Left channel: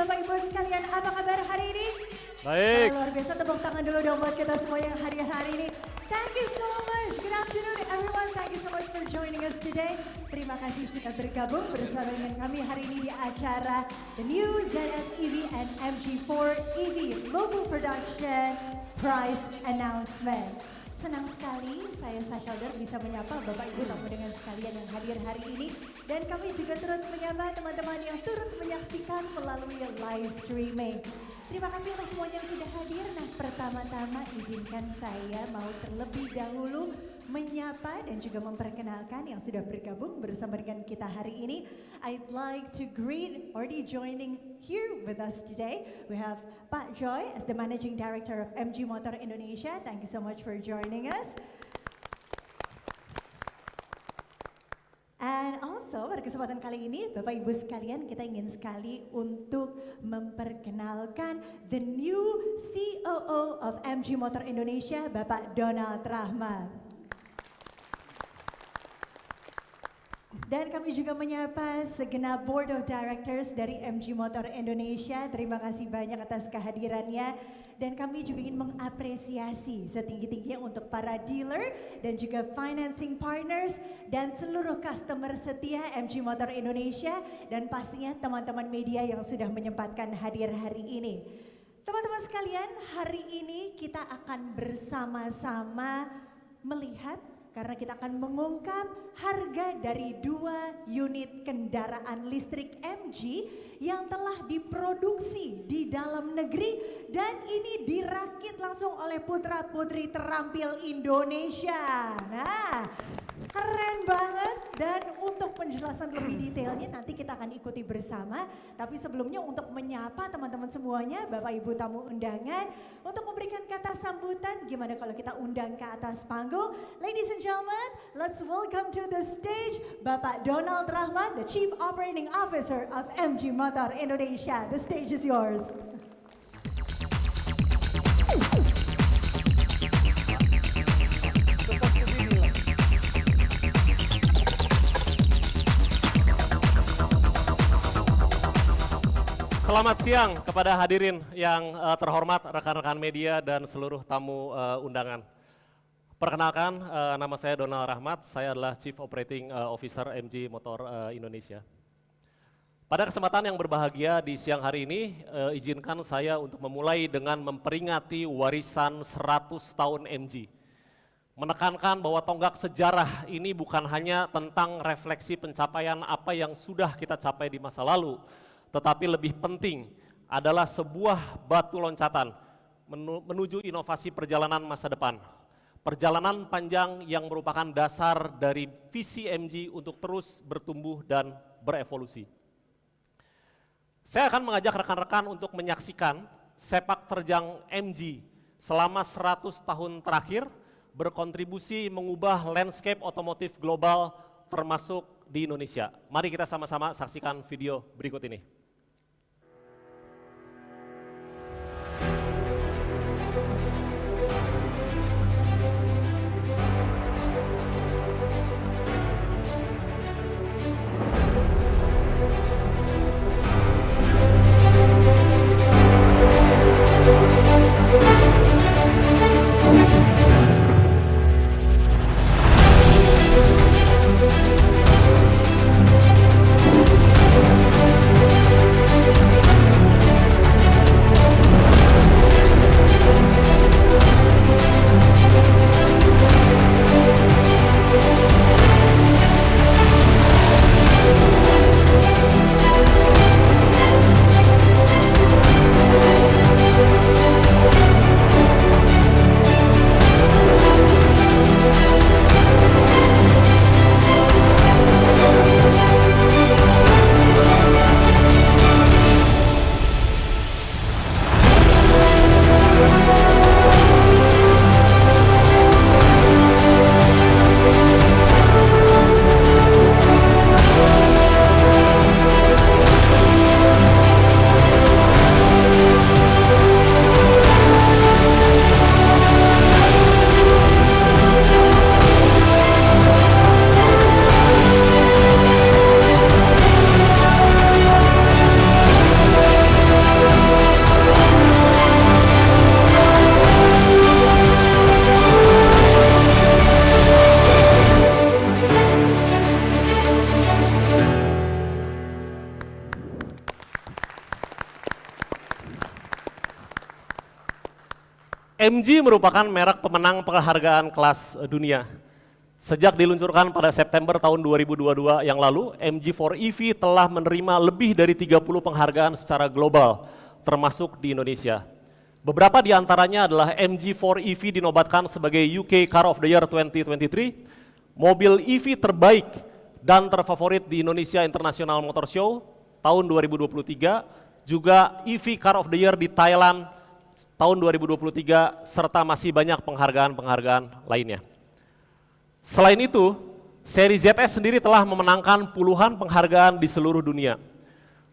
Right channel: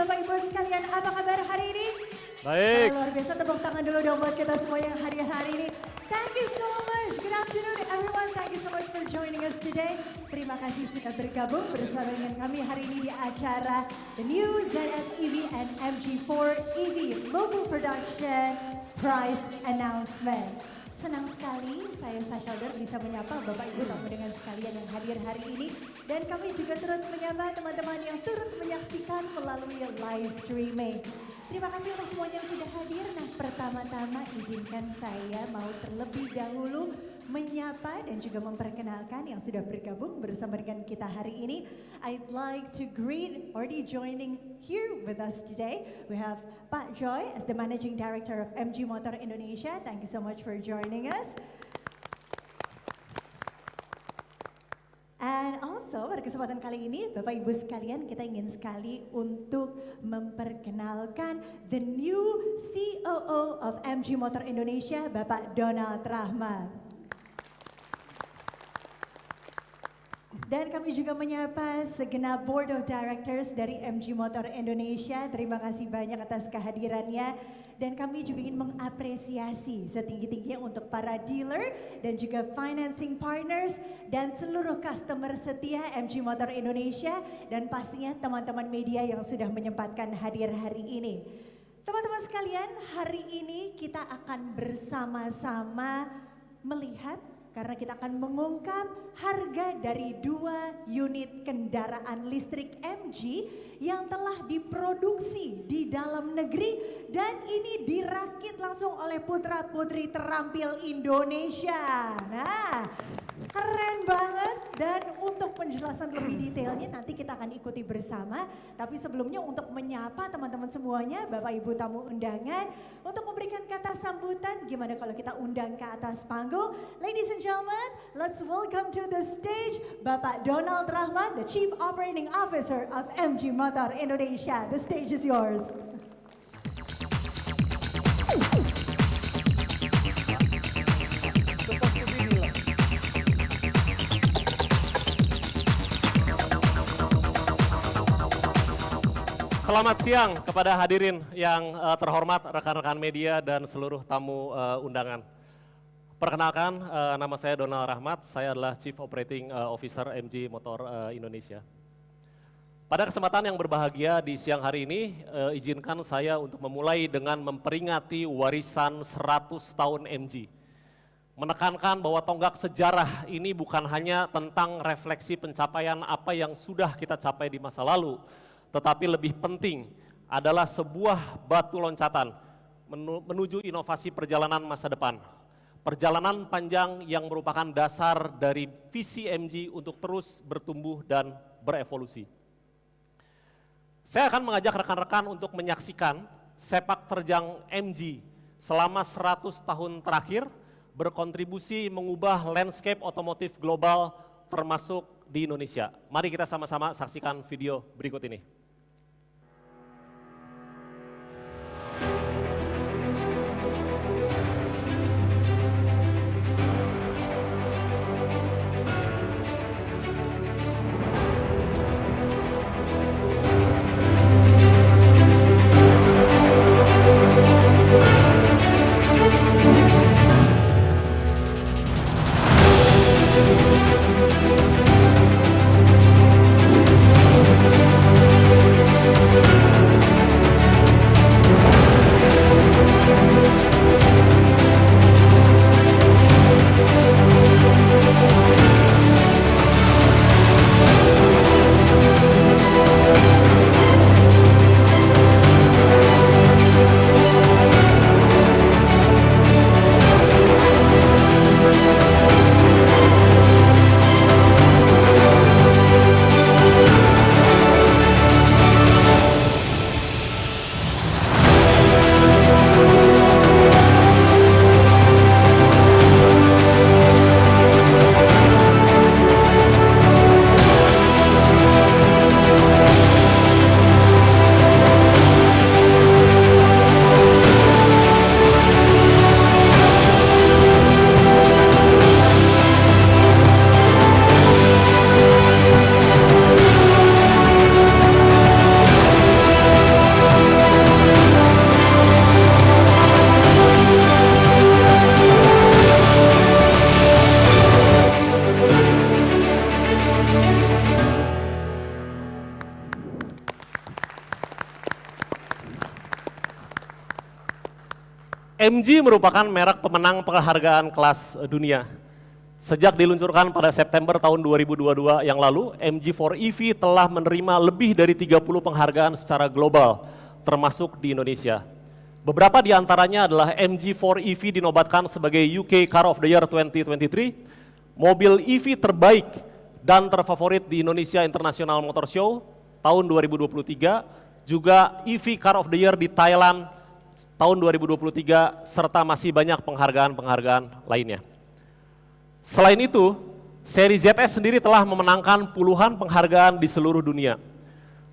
Bapak Ibu sekalian, apa kabar hari ini? Baik. Luar biasa, tepuk tangan dulu dong buat kita semua yang hadir hari ini. Thank you so much. Good afternoon everyone. Thank you so much for joining us today. Terima kasih sudah bergabung bersama dengan kami hari ini di acara The New ZS EV and MG4 EV Local Production Prize Announcement. Senang sekali saya Sasha Elder bisa menyapa Bapak Ibu tamu dengan sekalian yang hadir hari ini. Dan kami juga turut menyapa teman-teman yang turut menyaksikan melalui live streaming. Terima kasih untuk semuanya yang sudah hadir. Nah, pertama-tama izinkan saya mau terlebih dahulu menyapa dan juga memperkenalkan yang sudah bergabung bersama dengan kita hari ini. I'd like to greet already joining here with us today. We have Pak Joy as the Managing Director of MG Motor Indonesia. Thank you so much for joining us. And also pada kesempatan kali ini Bapak Ibu sekalian kita ingin sekali untuk memperkenalkan the new COO of MG Motor Indonesia, Bapak Donald Rahmat. Dan kami juga menyapa segenap Board of Directors dari MG Motor Indonesia. Terima kasih banyak atas kehadirannya. Dan kami juga ingin mengapresiasi setinggi-tingginya untuk para dealer dan juga financing partners dan seluruh customer setia MG Motor Indonesia dan pastinya teman-teman media yang sudah menyempatkan hadir hari ini. Teman-teman sekalian, hari ini kita akan bersama-sama melihat karena kita akan mengungkap harga dari 2 unit kendaraan listrik MG yang telah diproduksi di dalam negeri dan ini dirakit langsung oleh putra-putri terampil Indonesia. Nah, keren banget dan untuk penjelasan lebih detailnya nanti kita akan ikuti bersama. Tapi sebelumnya untuk menyapa teman-teman semuanya, Bapak Ibu tamu undangan, untuk memberikan kata sambutan, gimana kalau kita undang ke atas panggung. Ladies and gentlemen, let's welcome to the stage Bapak Donald Rahmat, the Chief Operating Officer of MG Motor Indonesia. The stage is yours. Selamat siang kepada hadirin yang terhormat, rekan-rekan media dan seluruh tamu undangan. Perkenalkan, nama saya Donald Rahmat, saya adalah Chief Operating Officer MG Motor Indonesia. Pada kesempatan yang berbahagia di siang hari ini, izinkan saya untuk memulai dengan memperingati warisan 100 tahun MG. Menekankan bahwa tonggak sejarah ini bukan hanya tentang refleksi pencapaian apa yang sudah kita capai di masa lalu, tetapi lebih penting adalah sebuah batu loncatan menuju inovasi perjalanan masa depan. Perjalanan panjang yang merupakan dasar dari visi MG untuk terus bertumbuh dan berevolusi. Saya akan mengajak rekan-rekan untuk menyaksikan sepak terjang MG selama 100 tahun terakhir berkontribusi mengubah landscape otomotif global termasuk di Indonesia. Mari kita sama-sama saksikan video berikut ini. MG merupakan merek pemenang penghargaan kelas dunia. Sejak diluncurkan pada September tahun 2022 yang lalu, MG4EV telah menerima lebih dari 30 penghargaan secara global, termasuk di Indonesia. Beberapa di antaranya adalah MG4EV dinobatkan sebagai UK Car of the Year 2023, mobil EV terbaik dan terfavorit di Indonesia International Motor Show tahun 2023, juga EV Car of the Year di Thailand tahun 2023, serta masih banyak penghargaan-penghargaan lainnya. Selain itu, seri ZS sendiri telah memenangkan puluhan penghargaan di seluruh dunia.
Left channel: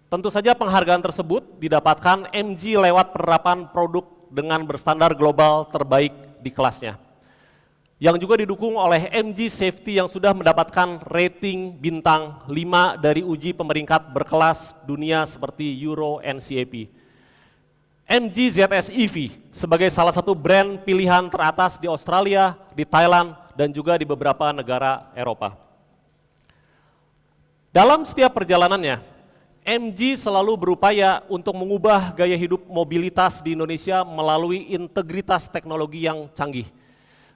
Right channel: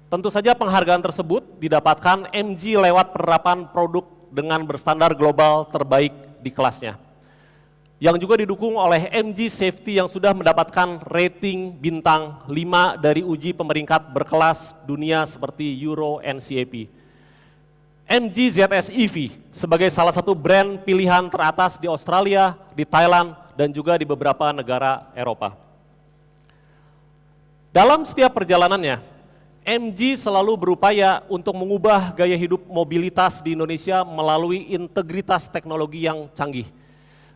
Tentu saja penghargaan tersebut didapatkan MG lewat penerapan produk dengan berstandar global terbaik di kelasnya, yang juga didukung oleh MG Safety yang sudah mendapatkan rating bintang 5 dari uji pemeringkat berkelas dunia seperti Euro NCAP. MG ZS EV sebagai salah satu brand pilihan teratas di Australia, di Thailand, dan juga di beberapa negara Eropa. Dalam setiap perjalanannya, MG selalu berupaya untuk mengubah gaya hidup mobilitas di Indonesia melalui integritas teknologi yang canggih,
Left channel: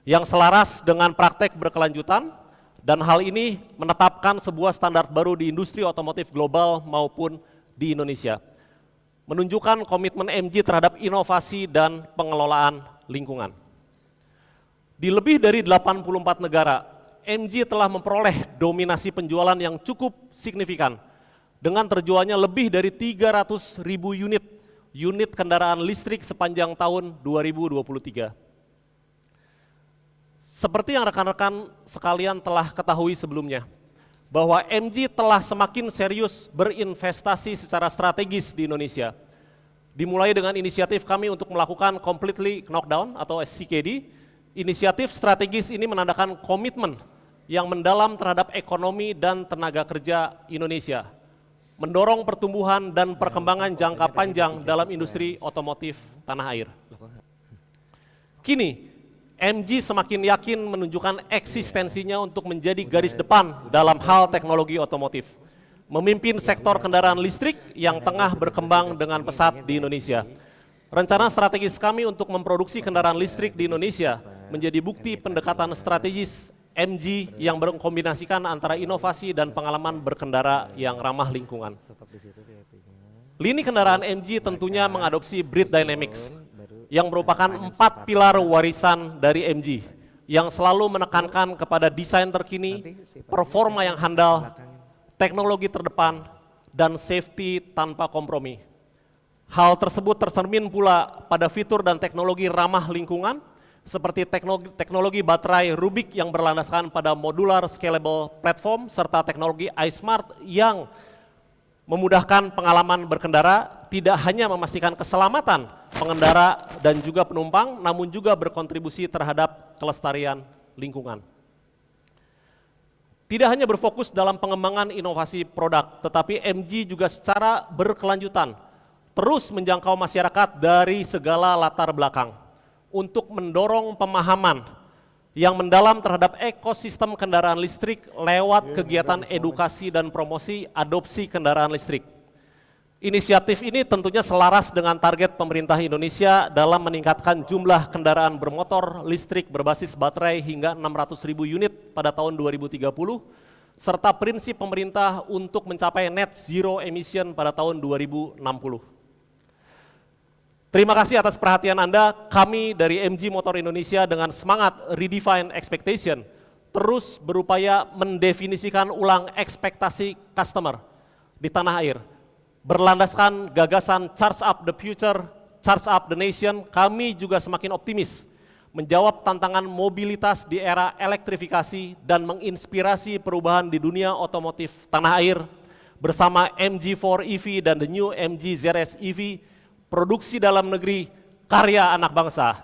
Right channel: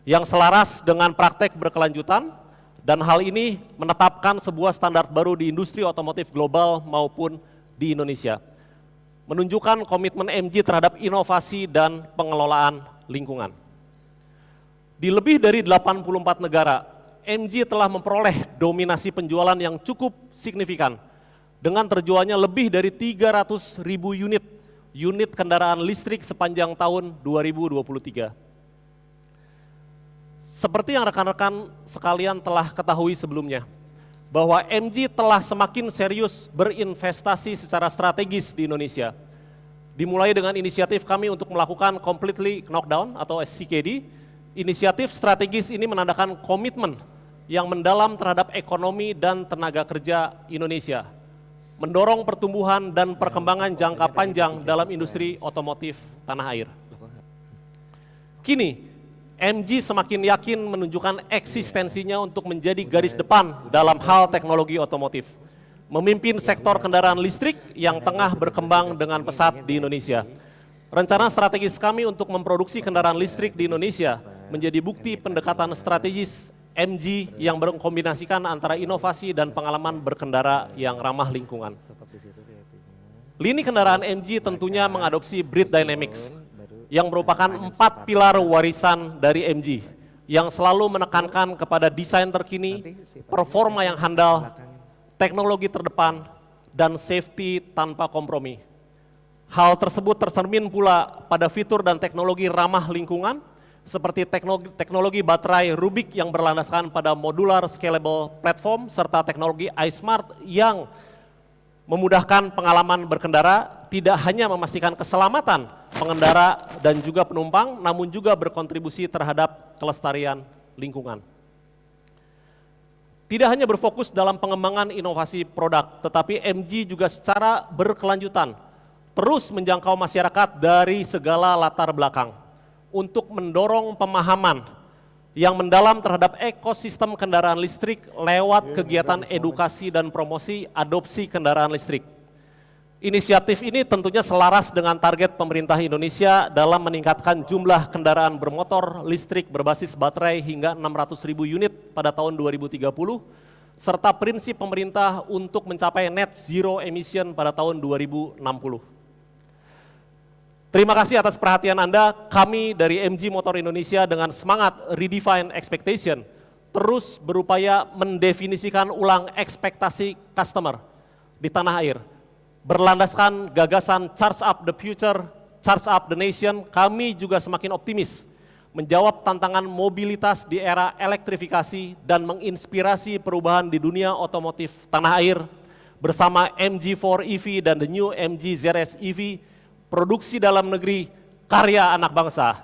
yang selaras dengan praktek berkelanjutan, dan hal ini menetapkan sebuah standar baru di industri otomotif global maupun di Indonesia, menunjukkan komitmen MG terhadap inovasi dan pengelolaan lingkungan. Di lebih dari 84 negara, MG telah memperoleh dominasi penjualan yang cukup signifikan dengan terjualnya lebih dari 300.000 unit kendaraan listrik sepanjang tahun 2023. Seperti yang rekan-rekan sekalian telah ketahui sebelumnya, bahwa MG telah semakin serius berinvestasi secara strategis di Indonesia. Dimulai dengan inisiatif kami untuk melakukan completely knockdown atau CKD. Inisiatif strategis ini menandakan komitmen yang mendalam terhadap ekonomi dan tenaga kerja Indonesia, mendorong pertumbuhan dan perkembangan jangka panjang dalam industri otomotif tanah air. Kini, MG semakin yakin menunjukkan eksistensinya untuk menjadi garis depan dalam hal teknologi otomotif, memimpin sektor kendaraan listrik yang tengah berkembang dengan pesat di Indonesia. Rencana strategis kami untuk memproduksi kendaraan listrik di Indonesia menjadi bukti pendekatan strategis MG yang mengkombinasikan antara inovasi dan pengalaman berkendara yang ramah lingkungan. Lini kendaraan MG tentunya mengadopsi Breed Dynamics, yang merupakan 4 pilar warisan dari MG, yang selalu menekankan kepada desain terkini, performa yang handal, teknologi terdepan, dan safety tanpa kompromi. Hal tersebut tercermin pula pada fitur dan teknologi ramah lingkungan, seperti teknologi baterai Rubik yang berlandaskan pada modular scalable platform, serta teknologi iSmart yang memudahkan pengalaman berkendara, tidak hanya memastikan keselamatan pengendara dan juga penumpang, namun juga berkontribusi terhadap kelestarian lingkungan. Tidak hanya berfokus dalam pengembangan inovasi produk, tetapi MG juga secara berkelanjutan terus menjangkau masyarakat dari segala latar belakang untuk mendorong pemahaman yang mendalam terhadap ekosistem kendaraan listrik lewat kegiatan edukasi dan promosi adopsi kendaraan listrik. Inisiatif ini tentunya selaras dengan target pemerintah Indonesia dalam meningkatkan jumlah kendaraan bermotor listrik berbasis baterai hingga 600.000 unit pada tahun 2030, serta prinsip pemerintah untuk mencapai net zero emission pada tahun 2060. Terima kasih atas perhatian Anda. Kami dari MG Motor Indonesia dengan semangat redefine expectation terus berupaya mendefinisikan ulang ekspektasi customer di tanah air. Berlandaskan gagasan Charge Up the Future, Charge Up the Nation, kami juga semakin optimis menjawab tantangan mobilitas di era elektrifikasi dan menginspirasi perubahan di dunia otomotif tanah air bersama MG4EV dan the new MG ZS EV, produksi dalam negeri, karya anak bangsa.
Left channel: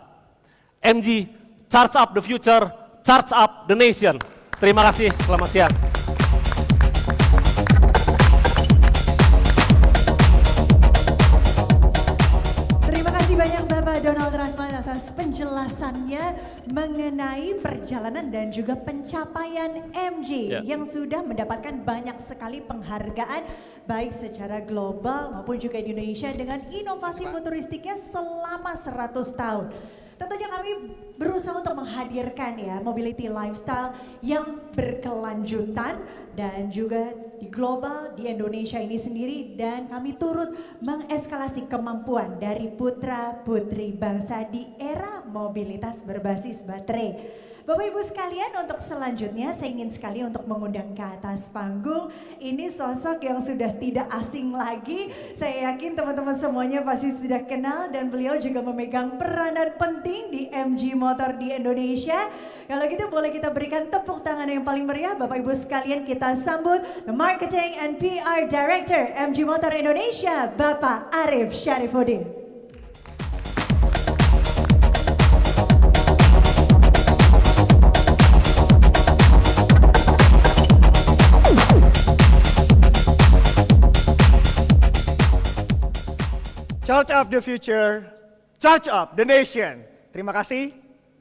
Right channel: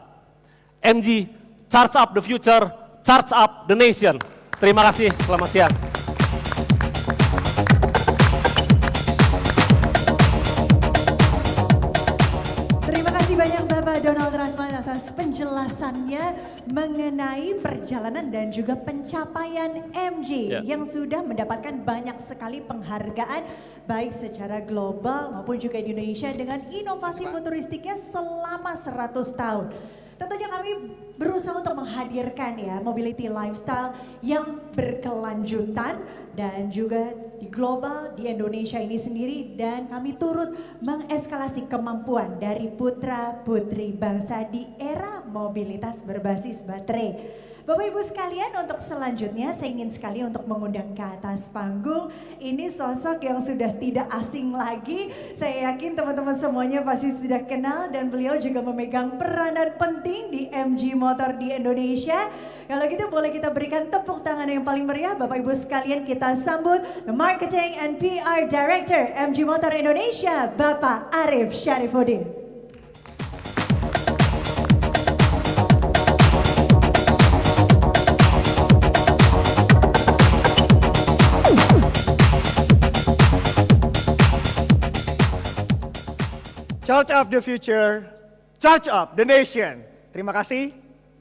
MG, Charge Up the Future, Charge Up the Nation. Terima kasih, selamat siang. Banyak Bapak Donald Rahmat atas penjelasannya mengenai perjalanan dan juga pencapaian MG yang sudah mendapatkan banyak sekali penghargaan baik secara global maupun juga di Indonesia dengan inovasi futuristiknya selama 100 tahun. Tentunya kami berusaha untuk menghadirkan ya mobility lifestyle yang berkelanjutan dan juga di global, di Indonesia ini sendiri, dan kami turut mengeskalasi kemampuan dari putra-putri bangsa di era mobilitas berbasis baterai. Bapak Ibu sekalian, untuk selanjutnya saya ingin sekali untuk mengundang ke atas panggung. Ini sosok yang sudah tidak asing lagi. Saya yakin teman-teman semuanya pasti sudah kenal, dan beliau juga memegang peranan penting di MG Motor di Indonesia. Kalau gitu boleh kita berikan tepuk tangan yang paling meriah. Bapak Ibu sekalian, kita sambut the Marketing and PR Director MG Motor Indonesia, Bapak Arif Syarifuddin. Charge up the future, charge up the nation. Terima kasih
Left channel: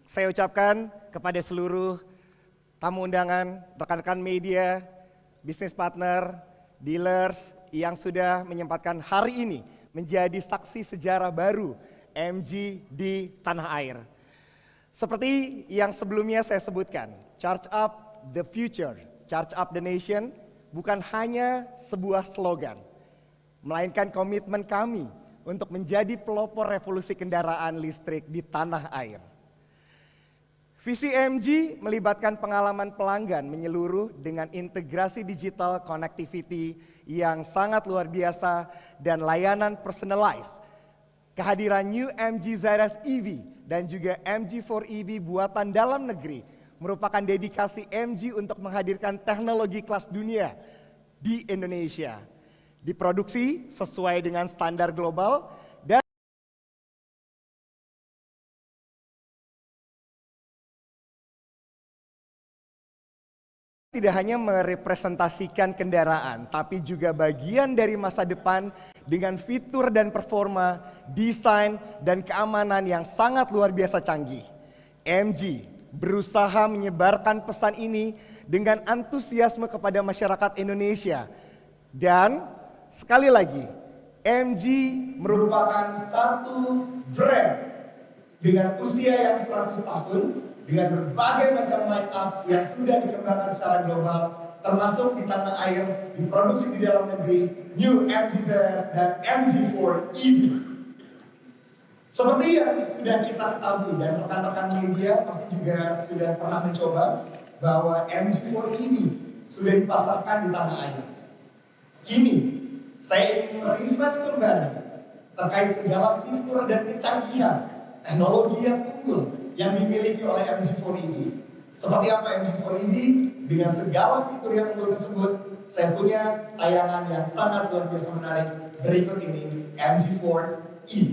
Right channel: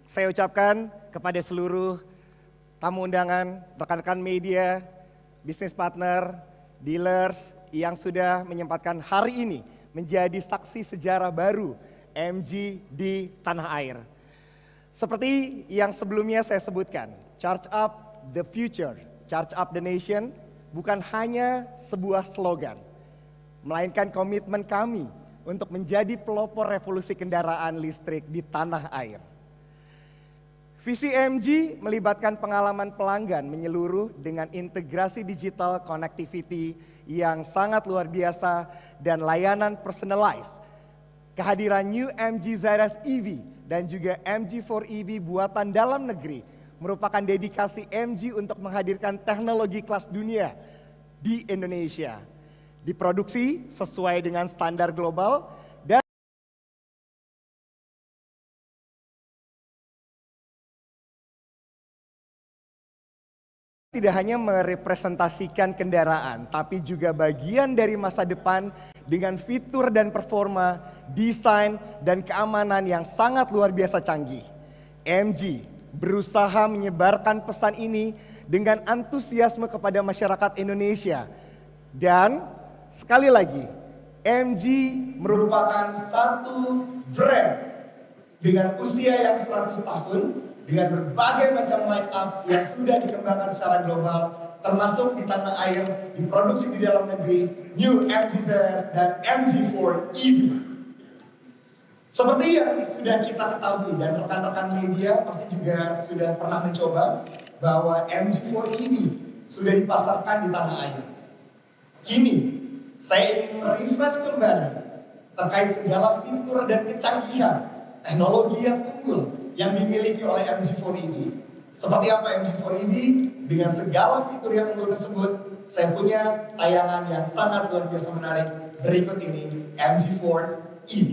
saya ucapkan kepada seluruh tamu undangan, rekan-rekan media, bisnis partner, dealers yang sudah menyempatkan hari ini menjadi saksi sejarah baru MG di tanah air. Seperti yang sebelumnya saya sebutkan, charge up the future, charge up the nation bukan hanya sebuah slogan, melainkan komitmen kami untuk menjadi pelopor revolusi kendaraan listrik di tanah air. Visi MG melibatkan pengalaman pelanggan menyeluruh dengan integrasi digital connectivity yang sangat luar biasa dan layanan personalized. Kehadiran New MG ZS EV dan juga MG4 EV buatan dalam negeri merupakan dedikasi MG untuk menghadirkan teknologi kelas dunia di Indonesia. Diproduksi sesuai dengan standar global dan tidak hanya merepresentasikan kendaraan, tapi juga bagian dari masa depan dengan fitur dan performa, desain, dan keamanan yang sangat luar biasa canggih. MG berusaha menyebarkan pesan ini dengan antusiasme kepada masyarakat Indonesia. Dan sekali lagi, MG merupakan satu brand dengan usia yang 100 tahun, dengan berbagai macam line up yang sudah dikembangkan secara global, termasuk di tanah air, diproduksi di dalam negeri, New MG ZS dan MG4 EV. Seperti yang sudah kita ketahui dan rekan-rekan media pasti juga sudah pernah mencoba, bahwa MG4 EV sudah dipasarkan di tanah air. Kini saya ingin merefresh kembali terkait segala fitur dan kecanggihan teknologi yang unggul yang dimiliki oleh MG4 EV. Seperti apa MG4 EV? Dengan segala fitur yang unggul tersebut, saya punya tayangan yang sangat luar biasa menarik. Berikut ini MG4 EV.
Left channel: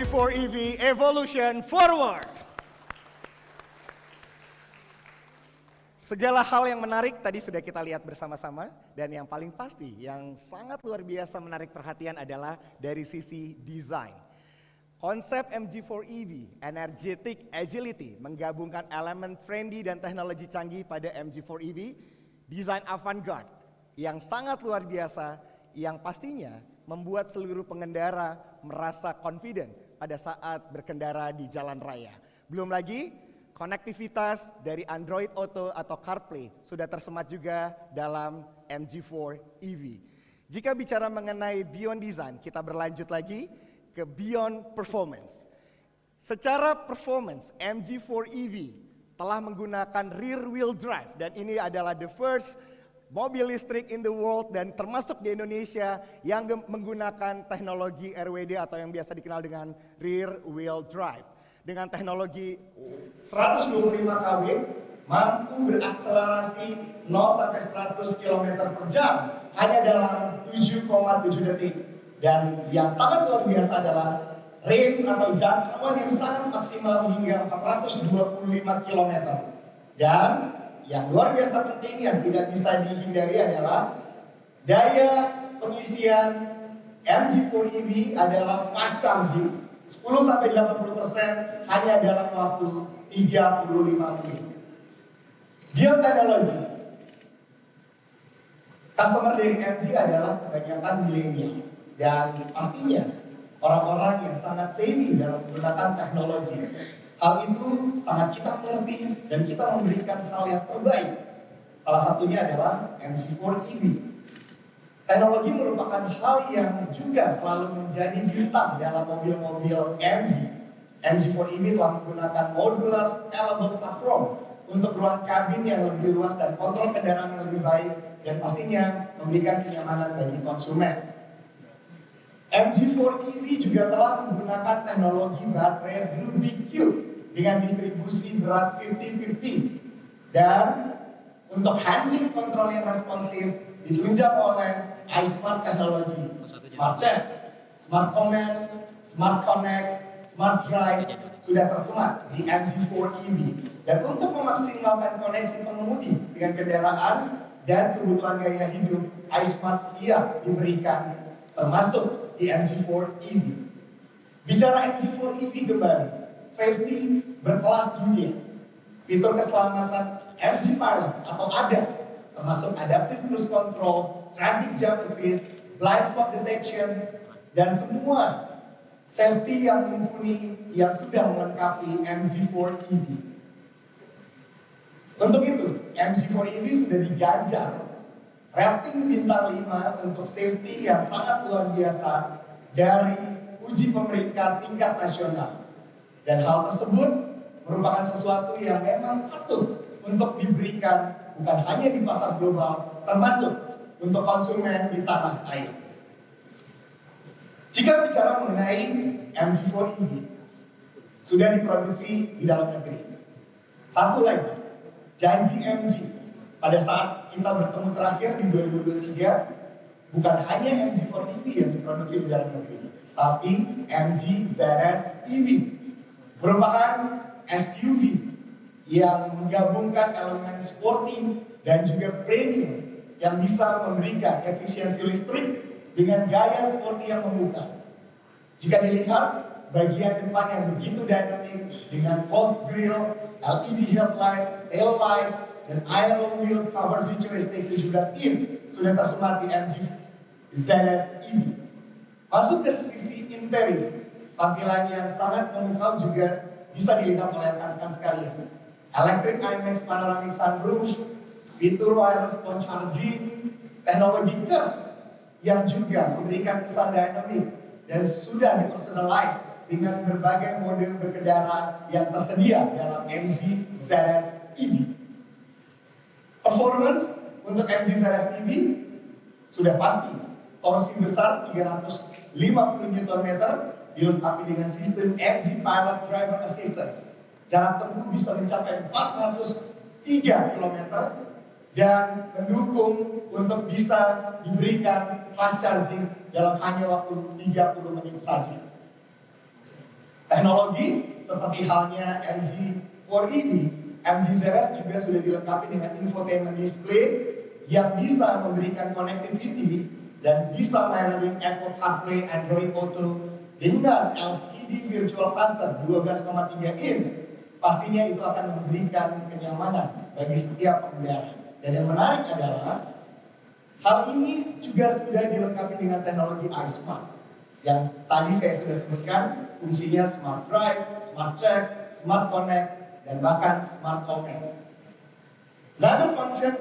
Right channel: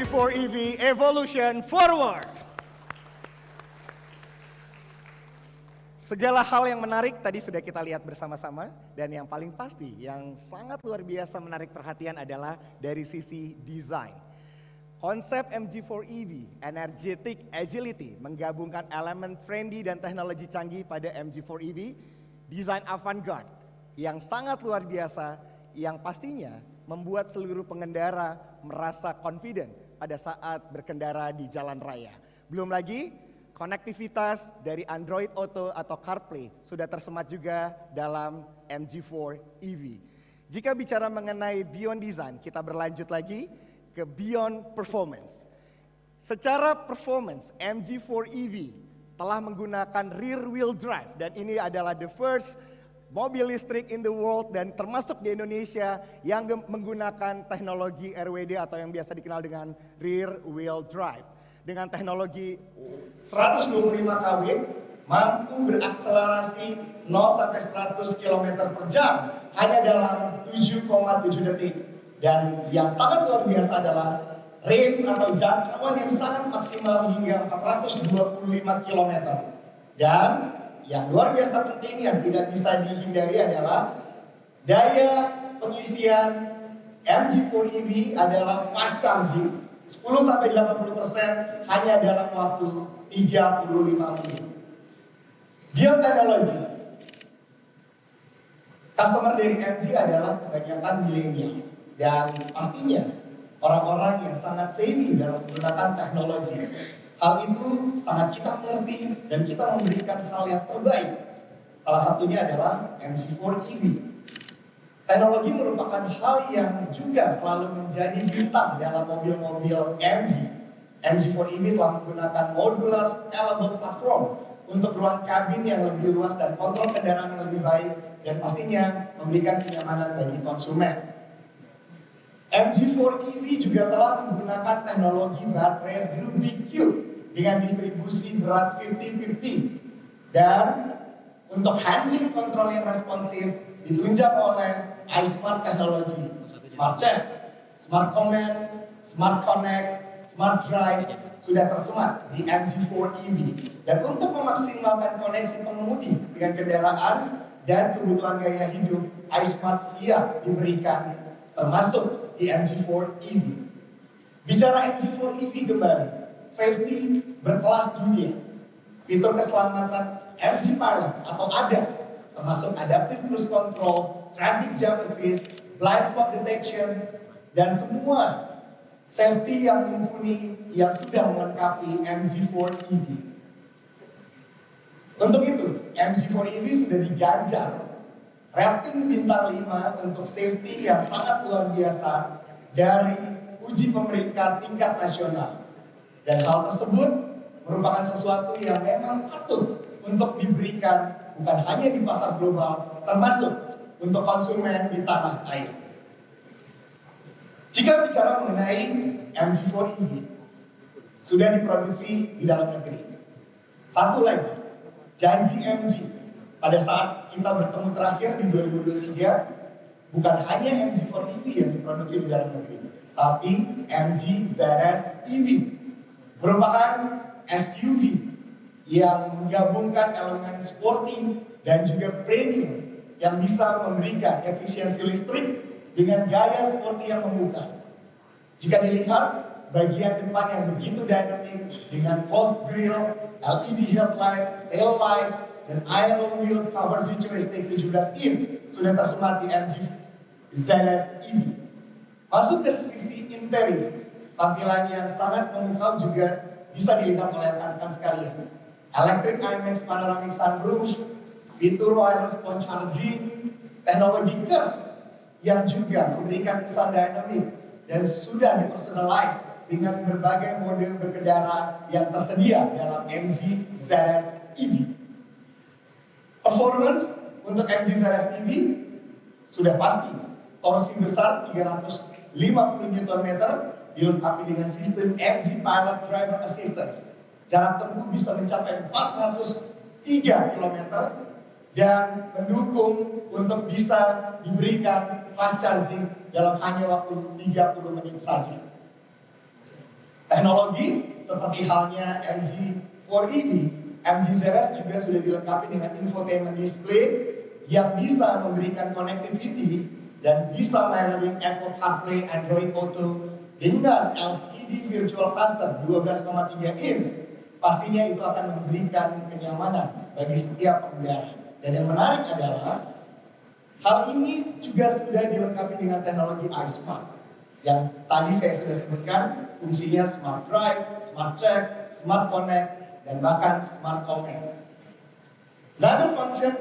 MG4 EV Evolution Forward. Segala hal yang menarik tadi sudah kita lihat bersama-sama, dan yang paling pasti yang sangat luar biasa menarik perhatian adalah dari sisi desain. Konsep MG4 EV, Energetic Agility, menggabungkan elemen trendy dan teknologi canggih pada MG4 EV, desain avant-garde yang sangat luar biasa, yang pastinya membuat seluruh pengendara merasa confident pada saat berkendara di jalan raya. Belum lagi, konektivitas dari Android Auto atau CarPlay sudah tersemat juga dalam MG4 EV. Jika bicara mengenai beyond design, kita berlanjut lagi ke beyond performance. Secara performance, MG4 EV telah menggunakan rear wheel drive, dan ini adalah the first mobil listrik in the world dan termasuk di Indonesia yang menggunakan teknologi RWD atau yang biasa dikenal dengan rear wheel drive. Dengan teknologi 125 kW, mampu berakselerasi 0 sampai 100 km per jam hanya dalam 7,7 detik. Dan yang sangat luar biasa adalah range atau jangkauan yang sangat maksimal hingga 425 km. Dan yang luar biasa penting yang tidak bisa dihindari adalah daya pengisian MG4 EV adalah fast charging 10-80% hanya dalam waktu 35 menit. Beyond teknologi, customer dari MG adalah kebanyakan millennials, dan pastinya orang-orang yang sangat savvy dalam menggunakan teknologi. Hal itu sangat kita mengerti dan kita memberikan hal yang terbaik. Salah satunya adalah MG4 EV. Teknologi merupakan hal yang juga selalu menjadi bintang dalam mobil-mobil MG. MG4 EV telah menggunakan modular scalable platform untuk ruang kabin yang lebih luas dan kontrol kendaraan yang lebih baik, dan pastinya memberikan kenyamanan bagi konsumen. MG4 EV juga telah menggunakan teknologi baterai Rubik Cube dengan distribusi berat 50-50, dan untuk handling kontrol yang responsif ditunjang oleh iSmart Technology, Smart Check, Smart Command, Smart Connect, Smart Drive sudah tersemat di MG4 EV. Dan untuk memaksimalkan koneksi pengemudi dengan kendaraan dan kebutuhan gaya hidup, iSmart siap diberikan termasuk di MG4 EV. Bicara MG4 EV kembali, safety berkelas dunia. Fitur keselamatan MG Pilot atau ADAS termasuk Adaptive Cruise Control, Traffic Jam Assist, Blind Spot Detection, dan semua safety yang mumpuni yang sudah melengkapi MG4 EV. Untuk itu, MG4 EV sudah diganjar rating bintang 5 untuk safety yang sangat luar biasa dari uji pemerintah tingkat nasional. Dan hal tersebut merupakan sesuatu yang memang patut untuk diberikan bukan hanya di pasar global, termasuk untuk konsumen di tanah air. Jika bicara mengenai MG4 EV, sudah diproduksi di dalam negeri. Satu lagi, janji MG pada saat kita bertemu terakhir di 2023, bukan hanya MG4 EV yang diproduksi di dalam negeri, tapi MG ZS EV merupakan SUV yang menggabungkan elemen sporty dan juga premium yang bisa memberikan efisiensi listrik dengan gaya sporty yang memukau. Jika dilihat bagian depan yang begitu dynamic dengan closed grille, LED headlight, tail lights, dan aero wheel cover futuristic 17 inch sudah tersemat di MG ZS EV. Masuk ke sisi interior, tampilannya yang sangat memukau juga bisa dilihat oleh rekan-rekan sekalian. Electric IMAX panoramic sunroof, fitur wireless phone charging, teknologi KERS yang juga memberikan kesan dynamic dan sudah dipersonalize dengan berbagai mode berkendara yang tersedia dalam MG ZS EV. Performance untuk MG ZS EV sudah pasti, torsi besar 350 Nm dilengkapi dengan sistem MG Pilot Driver Assistant. Jarak tempuh bisa mencapai 403 km dan mendukung untuk bisa diberikan fast charging dalam hanya waktu 30 menit saja. Teknologi seperti halnya MG4EV, MG ZS juga sudah dilengkapi dengan infotainment display yang bisa memberikan connectivity dan bisa melayani Apple CarPlay, Android Auto dengan LCD virtual cluster 12,3 inch. Pastinya itu akan memberikan kenyamanan bagi setiap pengendara. Dan yang menarik adalah hal ini juga sudah dilengkapi dengan teknologi iSmart yang tadi saya sudah sebutkan, fungsinya Smart Drive, Smart Check, Smart Connect, dan bahkan Smart Comment. Another function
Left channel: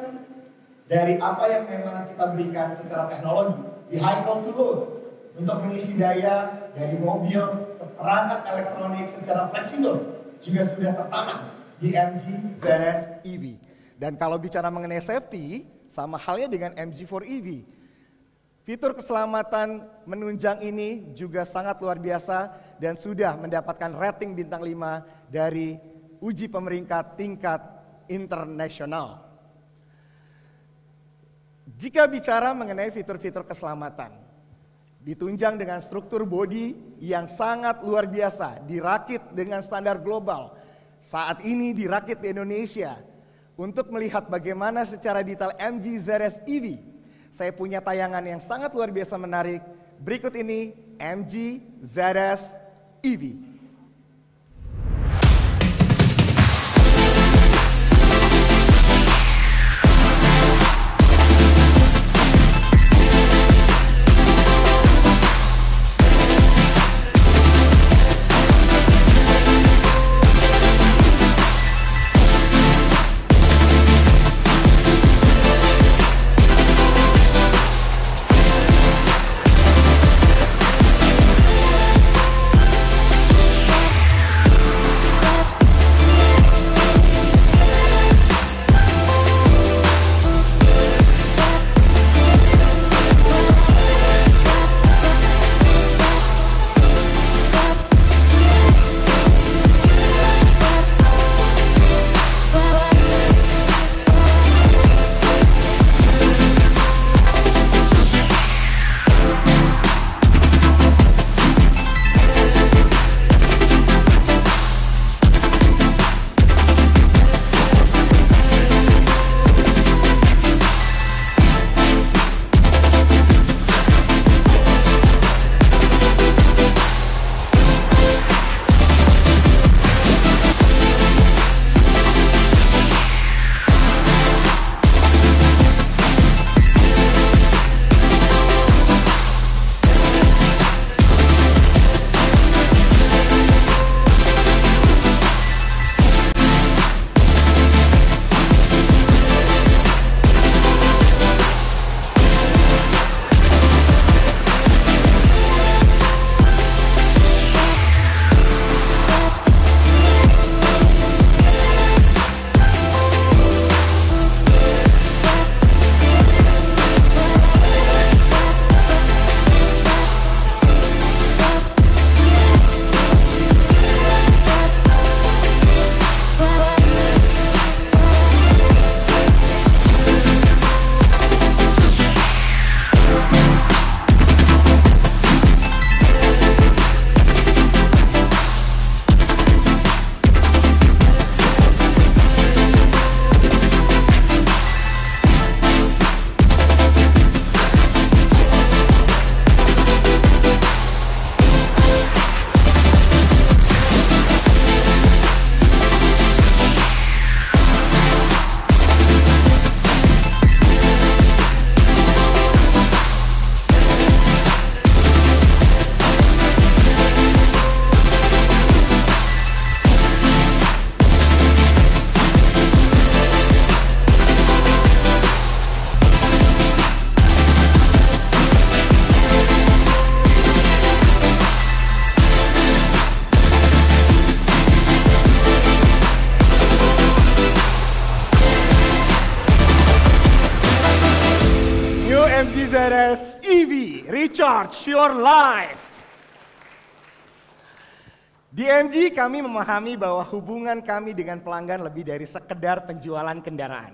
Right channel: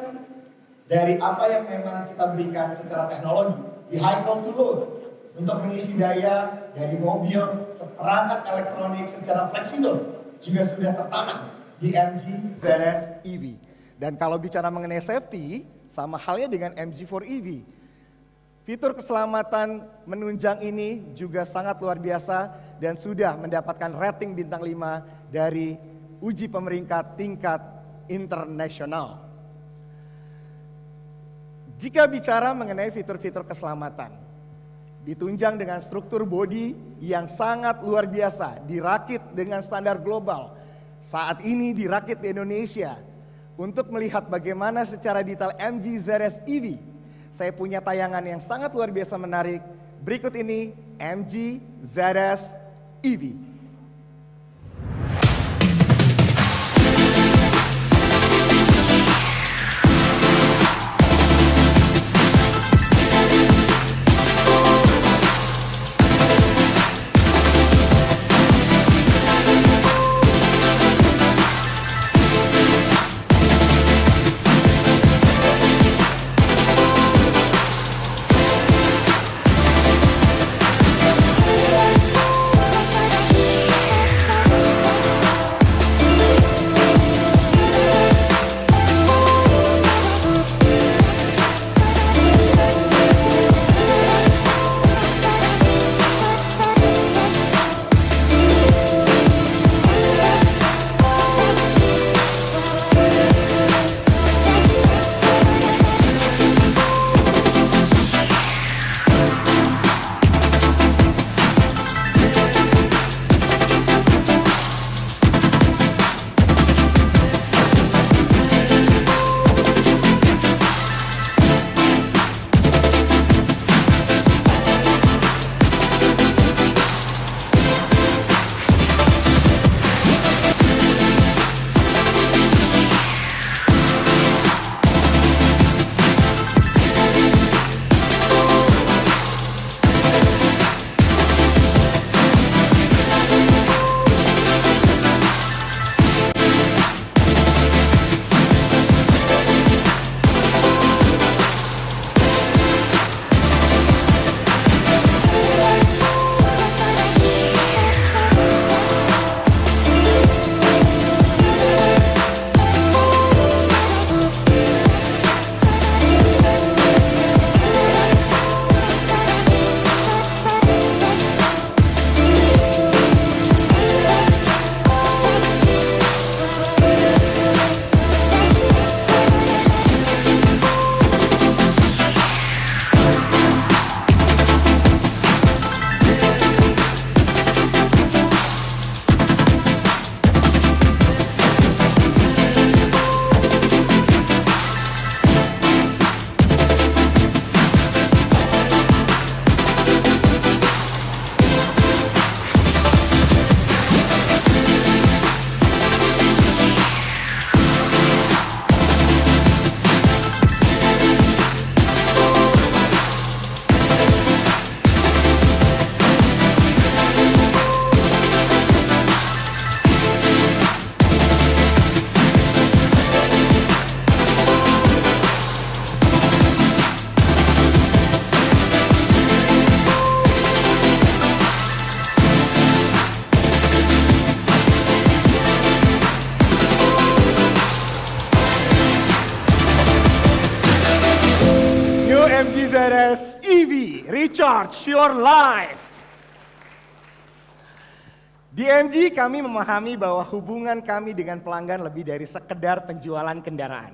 dari apa yang memang kita berikan secara teknologi, vehicle to load, untuk mengisi daya dari mobil ke perangkat elektronik secara fleksibel juga sudah tertanam di MG ZS EV. Dan kalau bicara mengenai safety, sama halnya dengan MG4 EV. Fitur keselamatan menunjang ini juga sangat luar biasa dan sudah mendapatkan rating bintang 5 dari uji pemeringkat tingkat internasional. Jika bicara mengenai fitur-fitur keselamatan, ditunjang dengan struktur bodi yang sangat luar biasa, dirakit dengan standar global. Saat ini dirakit di Indonesia. Untuk melihat bagaimana secara detail MG ZS EV, saya punya tayangan yang sangat luar biasa menarik. Berikut ini MG ZS EV. MG ZS EV, recharge your life. Di MG kami memahami bahwa hubungan kami dengan pelanggan lebih dari sekedar penjualan kendaraan.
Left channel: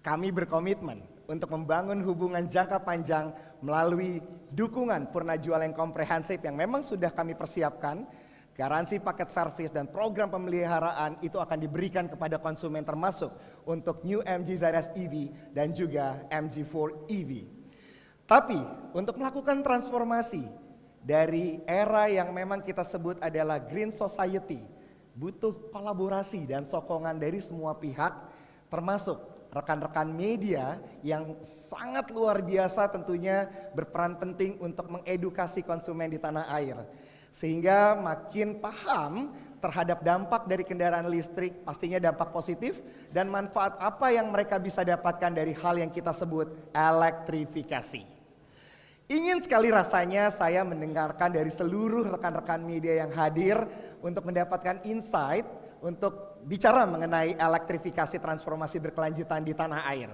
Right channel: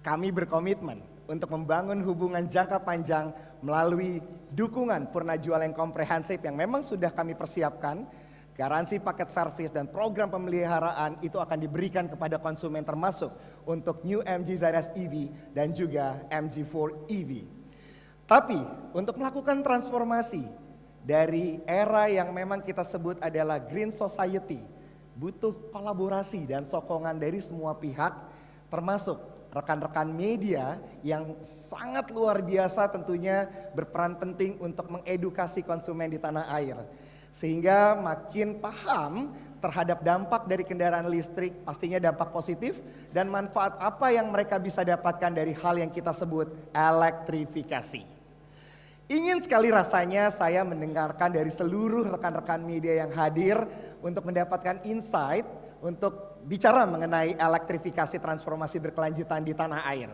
Kami berkomitmen untuk membangun hubungan jangka panjang melalui dukungan purna jual yang komprehensif yang memang sudah kami persiapkan. Garansi paket servis dan program pemeliharaan itu akan diberikan kepada konsumen termasuk untuk New MG ZS EV dan juga MG4 EV. Tapi untuk melakukan transformasi dari era yang memang kita sebut adalah Green Society, butuh kolaborasi dan sokongan dari semua pihak, termasuk rekan-rekan media yang sangat luar biasa tentunya berperan penting untuk mengedukasi konsumen di tanah air. Sehingga makin paham terhadap dampak dari kendaraan listrik, pastinya dampak positif dan manfaat apa yang mereka bisa dapatkan dari hal yang kita sebut elektrifikasi. Ingin sekali rasanya saya mendengarkan dari seluruh rekan-rekan media yang hadir untuk mendapatkan insight untuk bicara mengenai elektrifikasi transformasi berkelanjutan di tanah air.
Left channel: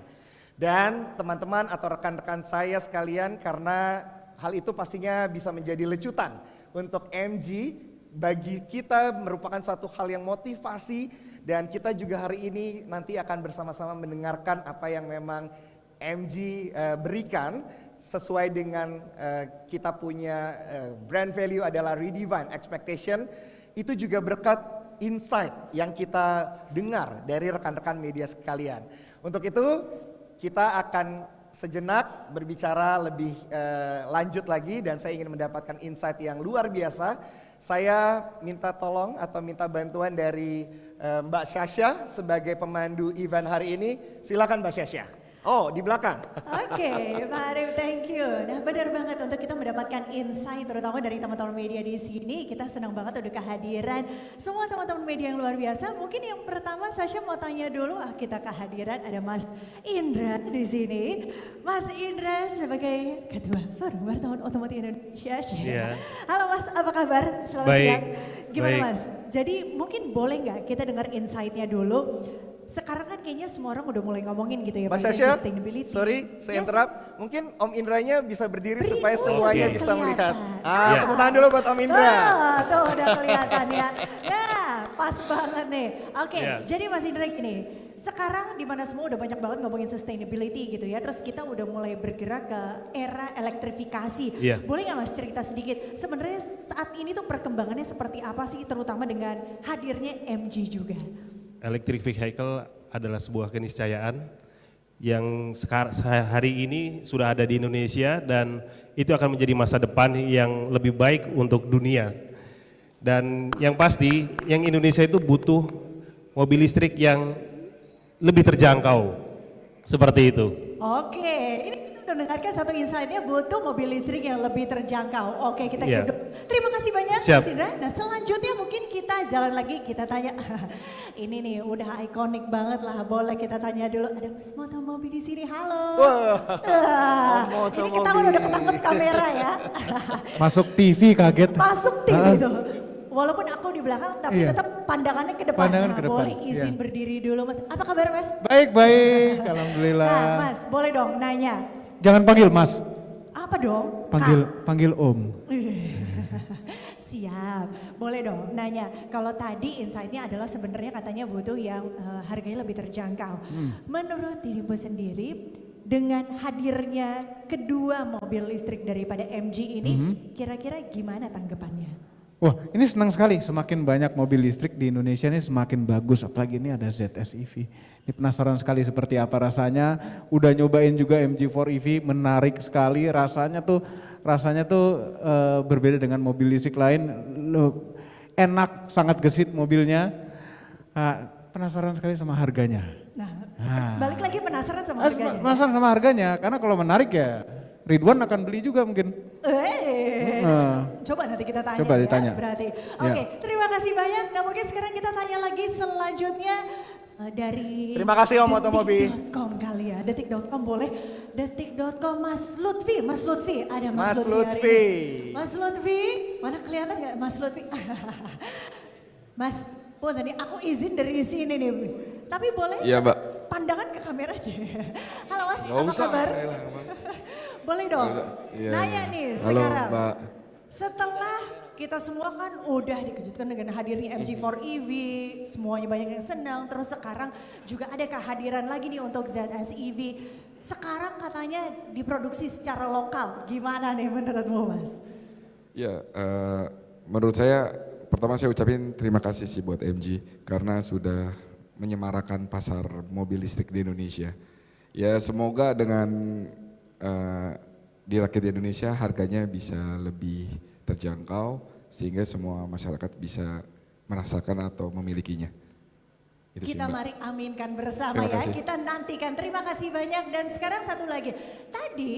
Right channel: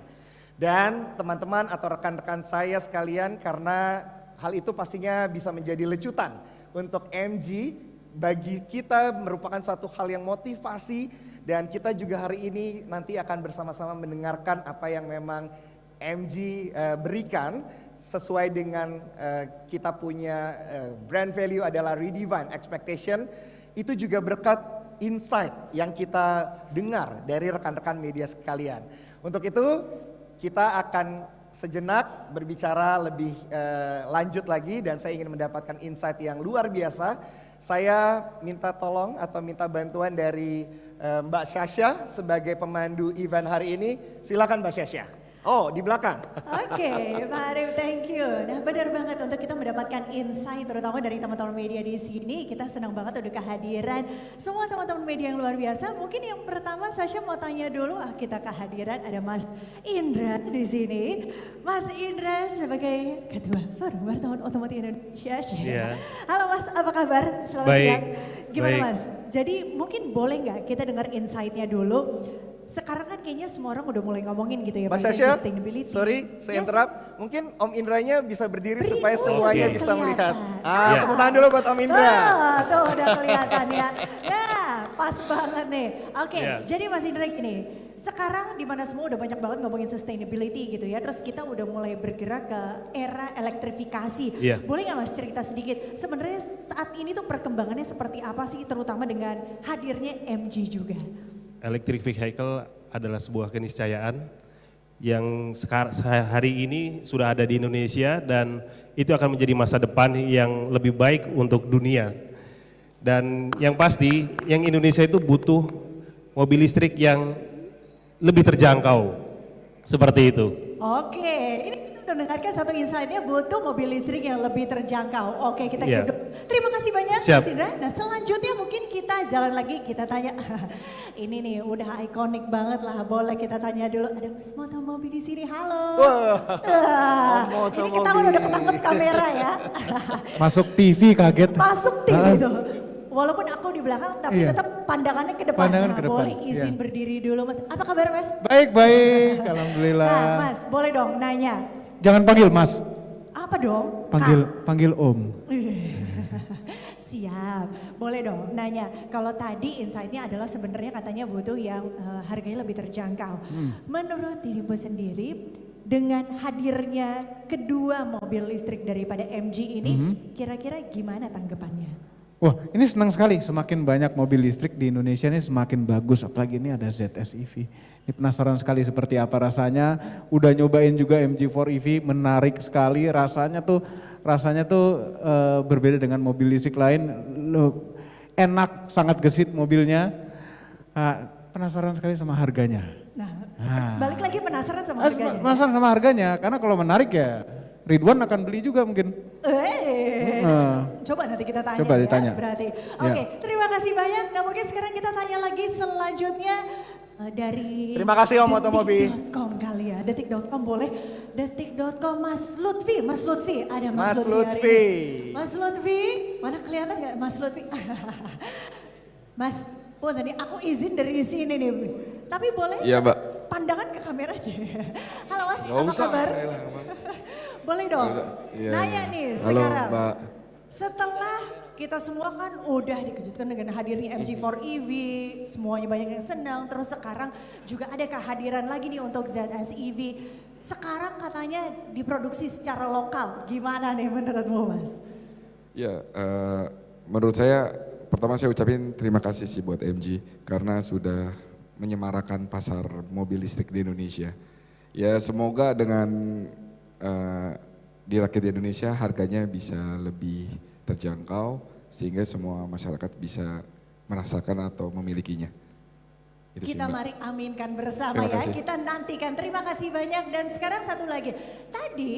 Dan teman-teman atau rekan-rekan saya sekalian, karena hal itu pastinya bisa menjadi lecutan untuk MG, bagi kita merupakan satu hal yang motivasi, dan kita juga hari ini nanti akan bersama-sama mendengarkan apa yang memang MG berikan sesuai dengan kita punya brand value adalah redefine expectation. Itu juga berkat insight yang kita dengar dari rekan-rekan media sekalian. Untuk itu kita akan sejenak berbicara lebih lanjut lagi dan saya ingin mendapatkan insight yang luar biasa. Saya minta tolong atau minta bantuan dari Mbak Syasha sebagai pemandu event hari ini. Silakan Mbak Syasha. Oh, di belakang. Oke, Pak Arif, thank you. Nah, benar banget untuk kita mendapatkan insight terutama dari teman-teman media di sini. Kita senang banget udah kehadiran semua teman-teman media yang luar biasa. Mungkin yang pertama Sasha mau tanya dulu, kita kehadiran ada Mas Indra di sini. Mas Indra sebagai Ketua Forum Wartawan Otomotif Indonesia. Iya. Halo Mas, apa kabar? Selamat Baik. siang. Gimana Baik. Mas? Jadi mungkin boleh nggak kita dengar insight-nya dulu? Sekarang kan kayaknya semua orang udah mulai ngomongin gitu ya, Mbak mengenai Syasha, sustainability. sorry saya Yes. interrupt. Mungkin Om Indranya bisa berdiri Beri, supaya semuanya Oke. bisa melihat. Kelihatan. Tepuk tangan dulu buat Om Indra. Oh, tuh udah kelihatan ya. Nah, pas banget nih. Oke, Iya. jadi Mas Indra gini. Sekarang di mana semua udah banyak banget ngomongin sustainability gitu ya. Terus kita udah mulai bergerak ke era elektrifikasi. Iya. Boleh nggak Mas cerita sedikit? Sebenarnya saat ini tuh perkembangannya seperti apa sih, terutama dengan hadirnya MG juga? Electric vehicle adalah sebuah keniscayaan yang hari ini sudah ada di Indonesia dan itu akan menjadi masa depan yang lebih baik untuk dunia. Dan yang pasti, yang Indonesia itu butuh mobil listrik yang lebih terjangkau, seperti itu. Oke, ini kita udah dengarkan satu insight-nya butuh mobil listrik yang lebih terjangkau. Oke, kita Iya. hidup. Terima kasih banyak Siap. Mas Indra. Nah, selanjutnya mungkin kita jalan lagi, kita tanya. Ini nih udah ikonik banget lah. Boleh kita tanya dulu. Ada Mas Moto Mobi di sini. Halo. Wah, Moto ini ketahuan Mobi. udah ketangkep kamera ya. Masuk TV kaget. Masuk tim itu. Walaupun aku di belakang, tapi Iya. tetap pandangannya ke depan. Pandangan Nah, ke depan, boleh izin iya. berdiri dulu Mas. Apa kabar Mas? Baik, alhamdulillah. Nah Mas, boleh dong nanya. Jangan panggil Mas, Apa dong? panggil Om. Siap, boleh dong nanya. Kalau tadi insight-nya adalah sebenarnya katanya butuh yang harganya lebih terjangkau. Menurut dirimu sendiri, dengan hadirnya kedua mobil listrik daripada MG ini, kira-kira gimana tanggapannya? Wah, ini senang sekali. Semakin banyak mobil listrik di Indonesia ini semakin bagus. Apalagi ini ada ZS EV. Ini penasaran sekali seperti apa rasanya. Udah nyobain juga MG4 EV, menarik sekali. Rasanya tuh berbeda dengan mobil listrik lain. Enak, sangat gesit mobilnya. Penasaran sekali sama harganya. Nah, balik lagi penasaran sama harganya. Penasaran sama harganya, karena kalau menarik ya Ridwan akan beli juga mungkin. Coba nanti kita tanya Coba ya, ditanya. berarti. Ya. Oke, terima kasih banyak. Nah mungkin sekarang kita tanya lagi selanjutnya dari Terima kasih Om Otomobi. Detik.com kali ya, Detik.com boleh. Detik.com Mas Lutfi, ada Mas, Mas Lutfi. Lutfi. hari ini. Mas Lutfi, mana kelihatan nggak Mas Lutfi? Mas, tadi aku izin dari sini nih. Tapi boleh Iya, Mbak. pandangan ke kamera aja. Halo Mas, Nggak apa usah, kabar? elah, aman. Boleh dong. Nggak usah. Iya, Nanya iya. nih Halo, sekarang. Mbak. Setelah kita semua kan udah dikejutkan dengan hadirnya MG4 EV, semuanya banyak yang senang. Terus sekarang juga ada kehadiran lagi nih untuk ZS EV. Sekarang katanya diproduksi secara lokal. Gimana nih menurutmu Mas? Ya, menurut saya pertama saya ucapin terima kasih sih buat MG karena sudah menyemarakan pasar mobil listrik di Indonesia. Ya semoga dengan dirakit di Indonesia harganya bisa lebih terjangkau sehingga semua masyarakat bisa merasakan atau memilikinya. Itu sih, Kita Mbak. mari aminkan bersama Terima ya, kasih. kita nantikan. Terima kasih banyak dan sekarang satu lagi. Tadi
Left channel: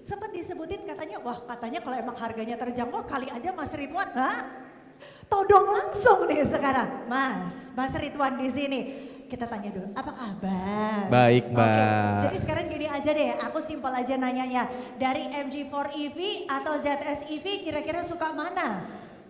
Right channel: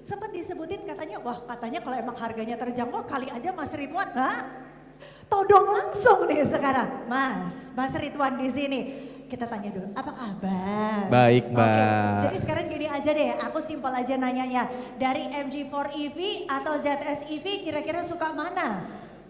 sempat disebutin katanya, wah katanya kalau emang harganya terjangkau kali aja Mas Ridwan. Hah? Todong langsung nih sekarang. Mas Ridwan di sini. Kita tanya dulu, apa kabar? Baik, Mbak. Oke, jadi sekarang gini aja deh, aku simpel aja nanyanya. Dari MG4 EV atau ZS EV kira-kira suka mana?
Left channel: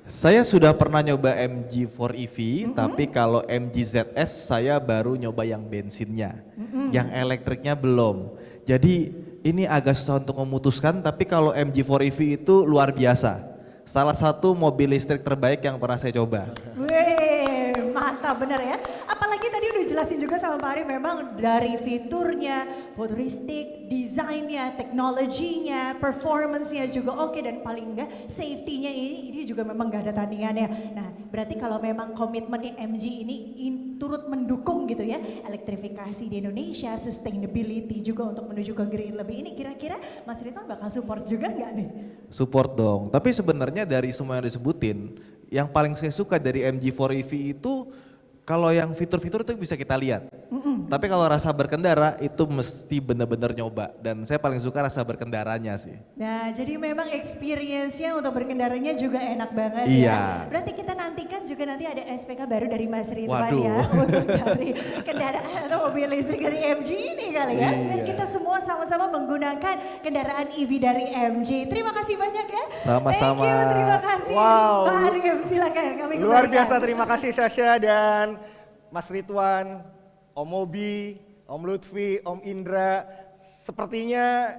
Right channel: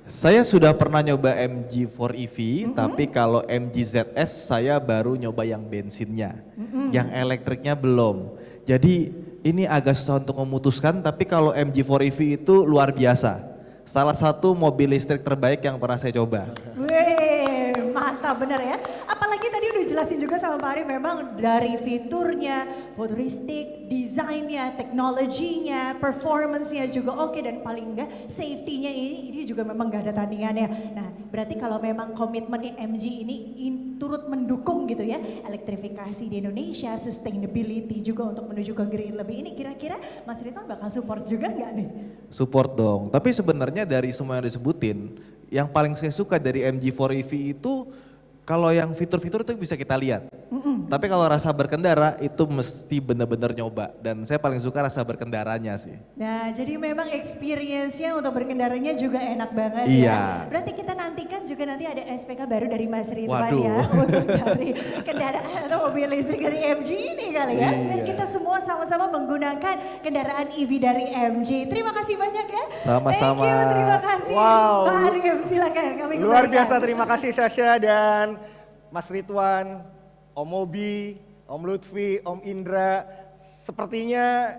Saya sudah pernah nyoba MG4 EV, tapi kalau MG ZS saya baru nyoba yang bensinnya. Yang elektriknya belum. Jadi ini agak susah untuk memutuskan, tapi kalau MG4 EV itu luar biasa. Salah satu mobil listrik terbaik yang pernah saya coba. Wih, mantap bener ya. Apalagi tadi udah jelasin juga sama Pak Ari, memang dari fiturnya, futuristik, desainnya, teknologinya, performance-nya juga oke, dan paling enggak safety-nya ini juga memang gak ada tandingannya. Nah berarti kalau memang komitmennya MG ini turut mendukung gitu ya, elektrifikasi di Indonesia, sustainability juga untuk menuju ke green lebih ini, kira-kira Mas Ridwan bakal support juga nggak nih? Support dong, tapi sebenarnya dari semua yang disebutin, yang paling saya suka dari MG4 EV itu kalau yang fitur-fitur itu bisa kita lihat. Tapi kalau rasa berkendara itu mesti benar-benar nyoba, dan saya paling suka rasa berkendaranya sih. Nah jadi memang experience-nya untuk berkendaranya juga enak banget Iya. ya. Berarti kita nantikan juga nanti ada SPK baru dari Mas Ridwan Waduh. ya. Untuk dari kendaraan atau mobil listrik dari MG ini kali ya. Biar Iya. kita semua sama-sama menggunakan kendaraan EV dari MG. Terima kasih banyak ya. Sama-sama. Thank you, terima kasih. Wow. Pak Arif silakan kami Luar kembalikan. biasa, terima kasih Sasha dan Mas Ridwan, Om Mobi, Om Lutfi, Om Indra. Sepertinya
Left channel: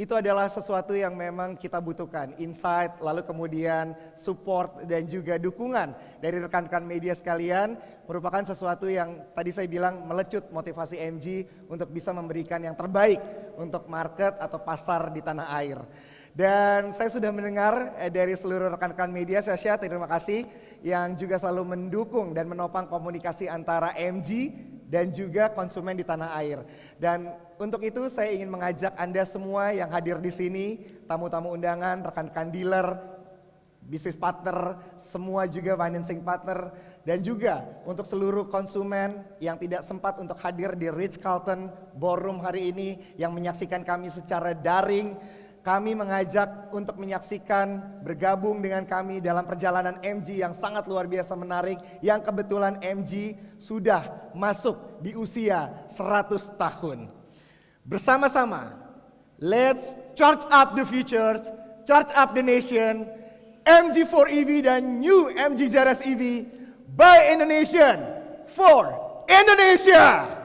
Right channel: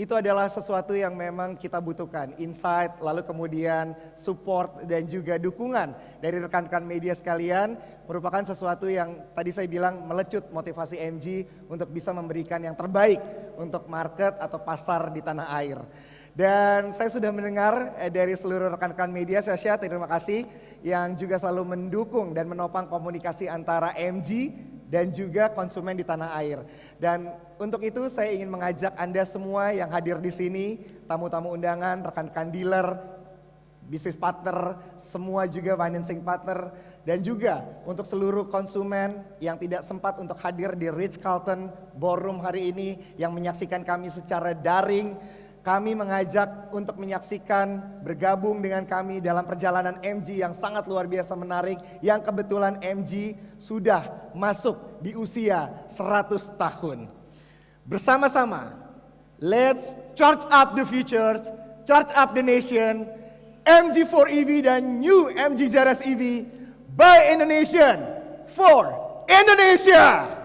itu adalah sesuatu yang memang kita butuhkan. Insight, lalu kemudian support dan juga dukungan dari rekan-rekan media sekalian merupakan sesuatu yang tadi saya bilang melecut motivasi MG untuk bisa memberikan yang terbaik untuk market atau pasar di tanah air. Dan saya sudah mendengar dari seluruh rekan-rekan media, Sasha, terima kasih yang juga selalu mendukung dan menopang komunikasi antara MG dan juga konsumen di tanah air. Dan untuk itu saya ingin mengajak Anda semua yang hadir di sini, tamu-tamu undangan, rekan-rekan dealer, bisnis partner, semua juga financing partner, dan juga untuk seluruh konsumen yang tidak sempat untuk hadir di Ritz-Carlton Ballroom hari ini, yang menyaksikan kami secara daring. Kami mengajak untuk menyaksikan, bergabung dengan kami dalam perjalanan MG yang sangat luar biasa menarik, yang kebetulan MG sudah masuk di usia 100 tahun. Bersama-sama, let's charge up the future, charge up the nation, MG4 EV dan new MG ZS EV by Indonesian for Indonesia.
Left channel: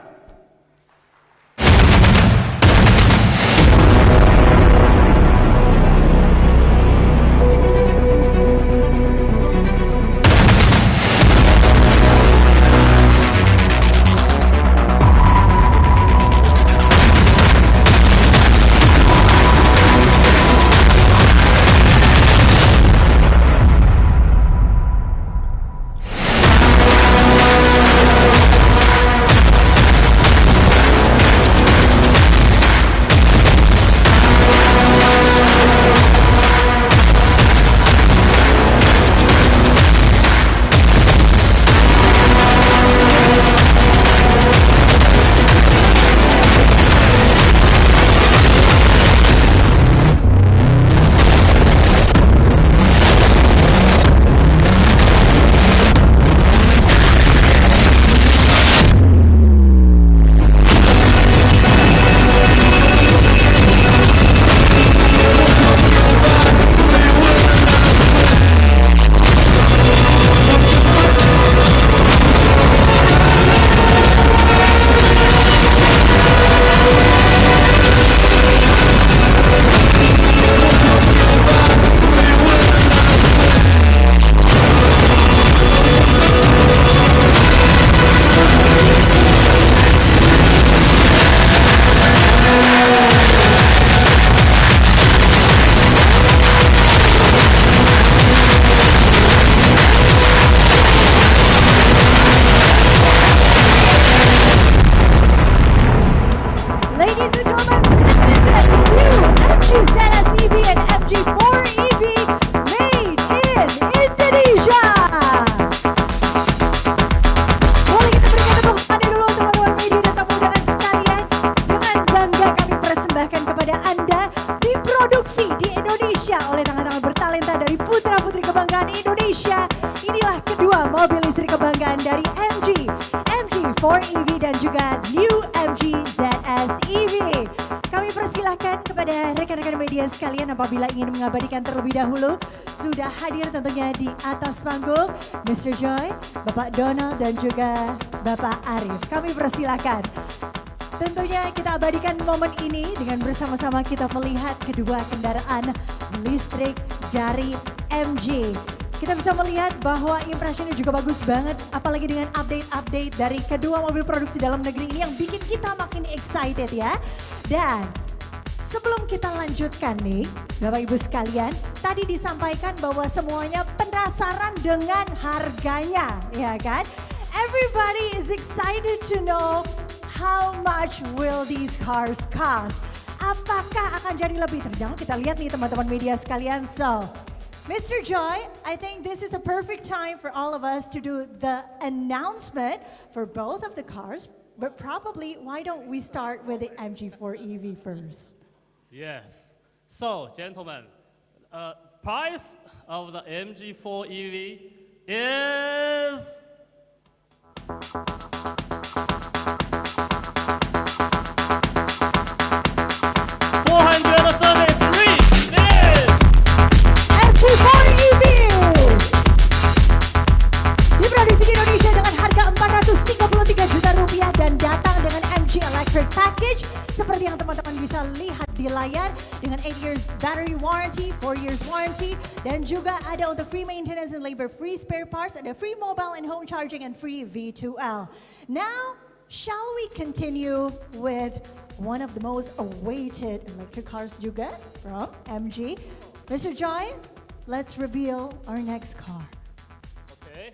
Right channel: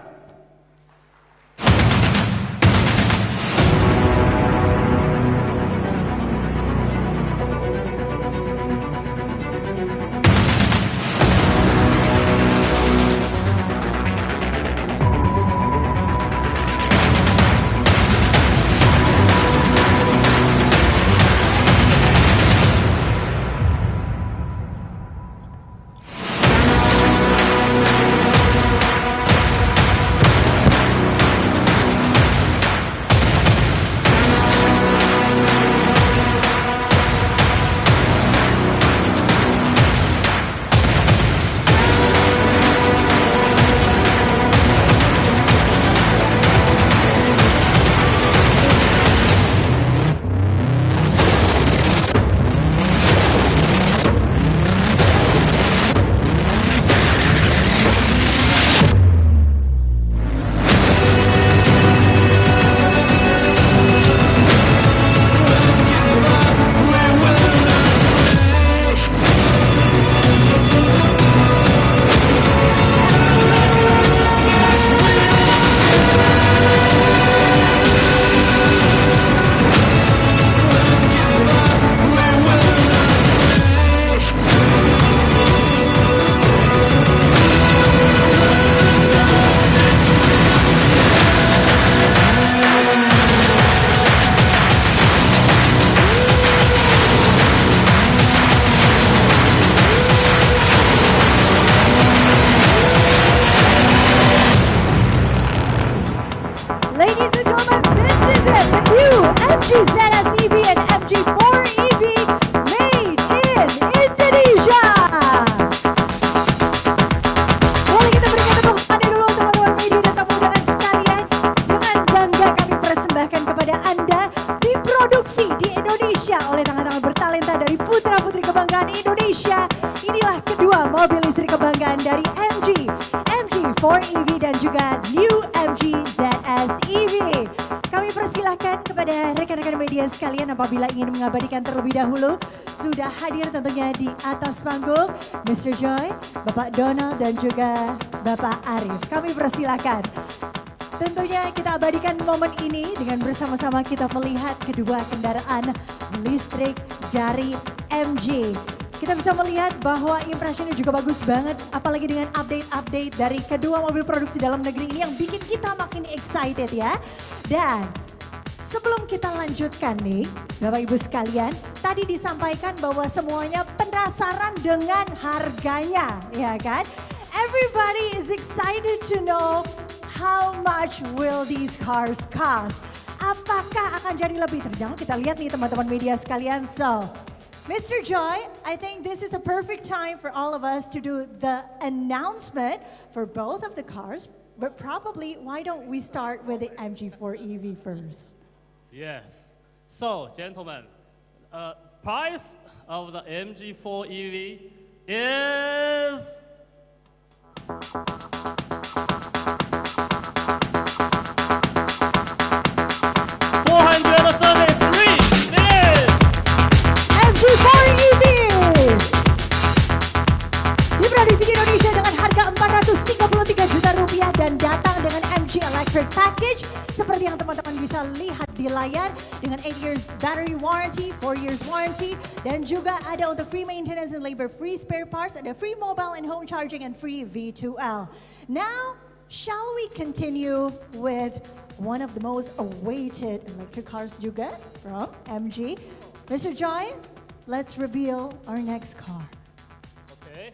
listrik kebanggaan dari MG 4EV dan juga New MG ZS EV. Kami persilahkan kepada rekan-rekan media sekalian apabila ingin mengabadikan terlebih dahulu. Sudah hadir tentunya di atas panggung Mr. Joy, Bapak Donald dan juga Bapak Arif. Kami persilahkan. Tentunya kita abadikan momen ini dengan bersama-sama kita melihat kedua kendaraan listrik dari MG. Kita bisa melihat bahwa impresinya juga bagus banget, apalagi dengan update-update dari kedua mobil produksi dalam negeri ini yang bikin kita makin excited ya. Dan sebelum kita lanjutkan nih, Bapak Ibu sekalian, tadi disampaikan bahwa semuanya penasaran dengan harganya, ya kan? Everybody is excited to know how much will these cars cost? Apakah akan jadi lebih terjangkau? Kita lihat nih teman-teman media sekalian. So, Mr. Joy, I think this is a perfect time for all of us to do the announcement for both of the cars. But probably, why don't we start with the MG4 EV first? Yes. So, gentlemen, price of the MG4 EV is MG4 EV diproduksi di Indonesia dengan harga 433 juta rupiah dan datang dengan MG Electric Package seperti yang teman-teman bisa lihat di layar dengan 8 years battery warranty, 4 years warranty dan juga ada untuk free maintenance and labor free spare parts, ada free mobile and home charging and free V2L. Now, shall we continue with one of the most awaited electric cars juga from MG? Mr. Joy, let's reveal our next car. okay.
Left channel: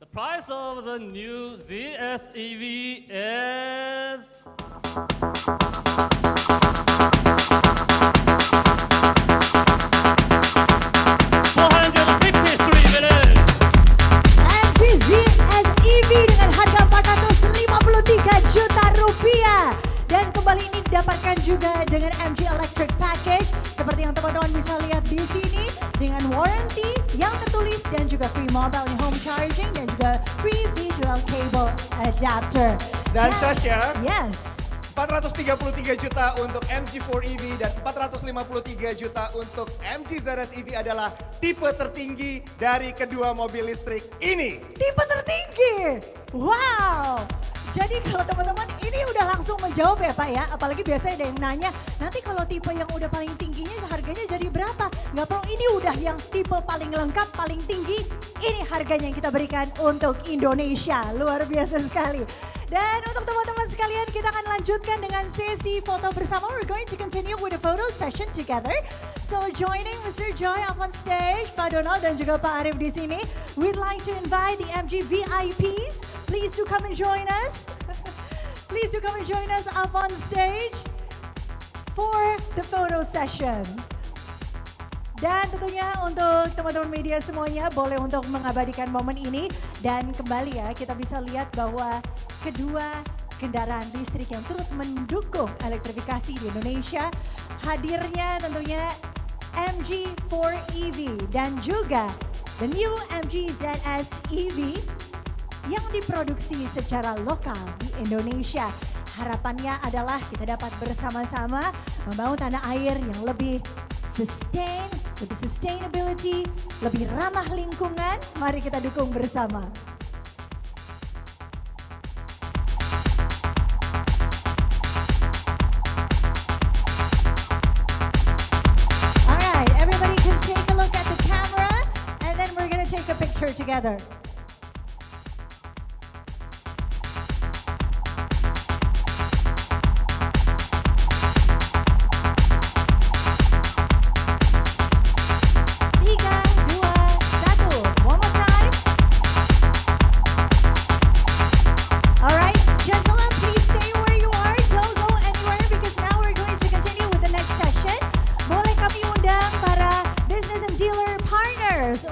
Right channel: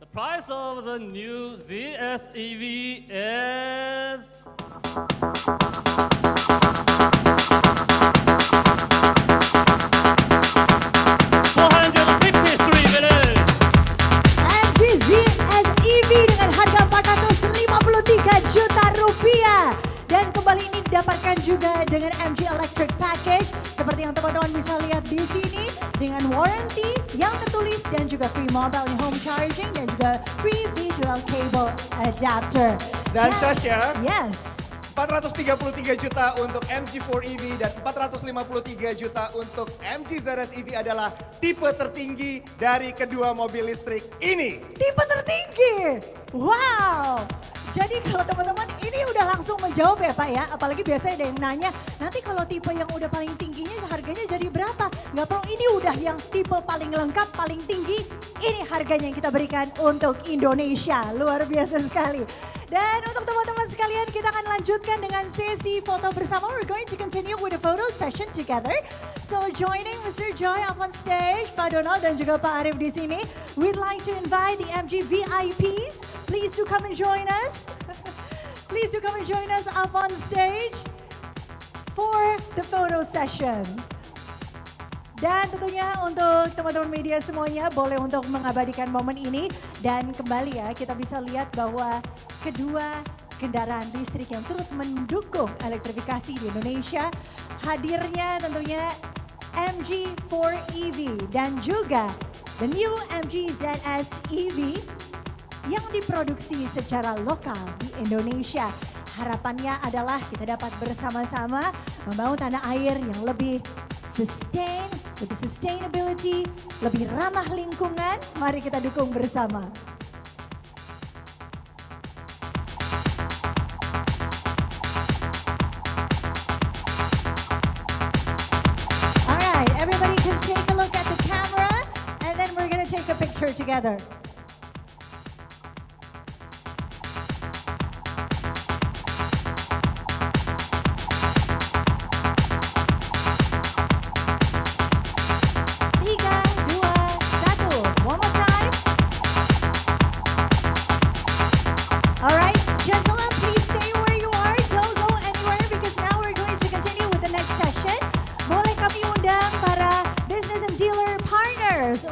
The price of the new ZS EV is 453 million. MG ZS EV dengan harga 453 juta rupiah. Dan kembali ini didapatkan juga dengan MG Electric Package seperti yang teman-teman bisa lihat di sini dengan warranty yang tertulis dan juga free mobile and home charging dan juga free V2L cable adapter. Dan Sasha, Yes. 433 juta untuk MG4 EV dan 453 juta untuk MG ZS EV adalah tipe tertinggi dari kedua mobil listrik ini. Tipe tertinggi. Wow. Jadi kalau teman-teman ini udah langsung menjawab ya Pak ya. Apalagi biasanya ada yang nanya, nanti kalau tipe yang udah paling tingginya harganya jadi berapa? Nggak perlu, ini udah yang tipe paling lengkap, paling tinggi. Ini harganya yang kita berikan untuk Indonesia. Luar biasa sekali. Dan untuk teman-teman sekalian kita akan lanjutkan dengan sesi foto bersama. We're going to continue with a photo session together. So joining Mr. Joy up on stage, Pak Donald dan juga Pak Arif di sini. We'd like to invite the MG VIPs. Please do come and join us. Please do come and join us up on stage for the photo session. Dan tentunya untuk teman-teman media semuanya boleh untuk mengabadikan momen ini. Dan kembali ya kita bisa lihat bahwa kedua kendaraan listrik yang turut mendukung elektrifikasi di Indonesia. Hadirnya tentunya MG4 EV dan juga the new MG ZS EV yang diproduksi secara lokal di Indonesia. Harapannya adalah kita dapat bersama-sama membangun tanah air yang lebih sustain, lebih sustainability, lebih ramah lingkungan. Mari kita dukung bersama. Alright, everybody can take a look at the camera and then we're gonna take a picture together.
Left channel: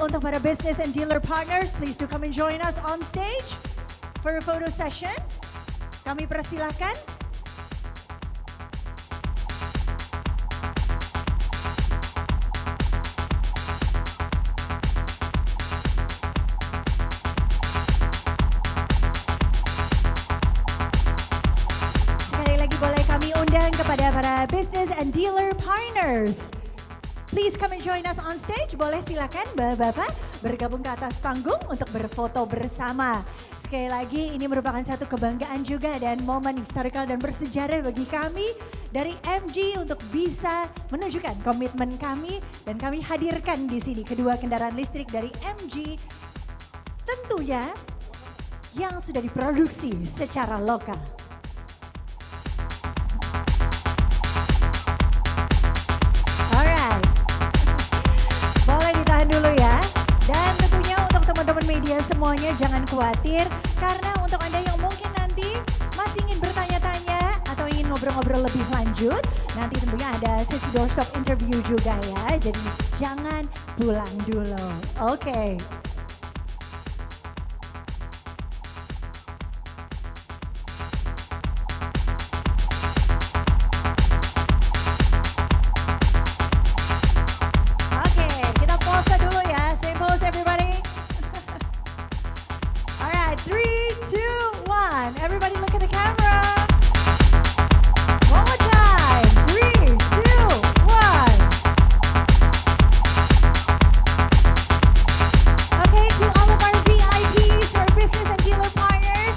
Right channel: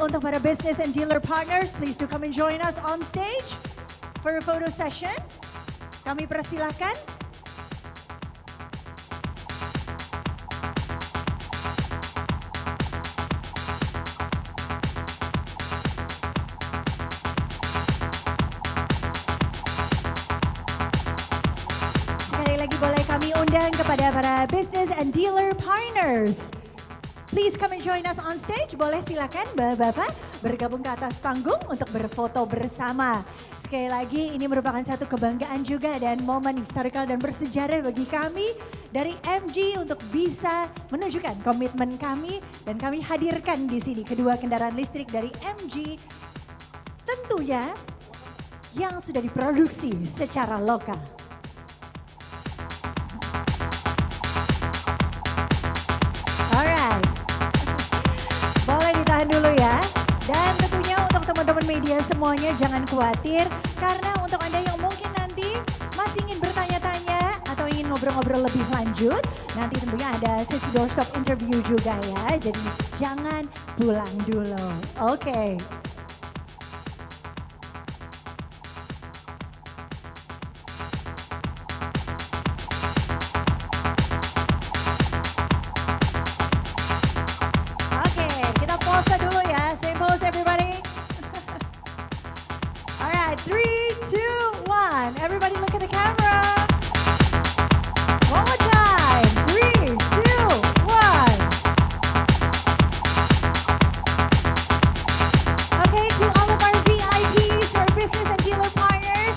Untuk para business and dealer partners, please do come and join us on stage for a photo session. Kami persilahkan. boleh kami undang kepada para business and dealer partners. Please come and join us on stage. Boleh silakan Bapak-bapak bergabung ke atas panggung untuk berfoto bersama. Sekali lagi ini merupakan satu kebanggaan juga dan momen historical dan bersejarah bagi kami dari MG untuk bisa menunjukkan komitmen kami dan kami hadirkan di sini kedua kendaraan listrik dari MG tentunya yang sudah diproduksi secara lokal. Alright, boleh ditahan dulu ya. Dan tentunya untuk teman-teman media semuanya jangan khawatir. Karena untuk Anda yang mungkin nanti masih ingin bertanya-tanya atau ingin ngobrol-ngobrol lebih lanjut. Nanti tentunya ada sesi doorstop interview juga ya. Jadi jangan pulang dulu. Oke. Pause dulu ya, same pose everybody. Alright, 3, 2, 1. Everybody look at the camera. One more time, 3, 2, 1. Okay, to all of our VIPs, our business and dealer partners,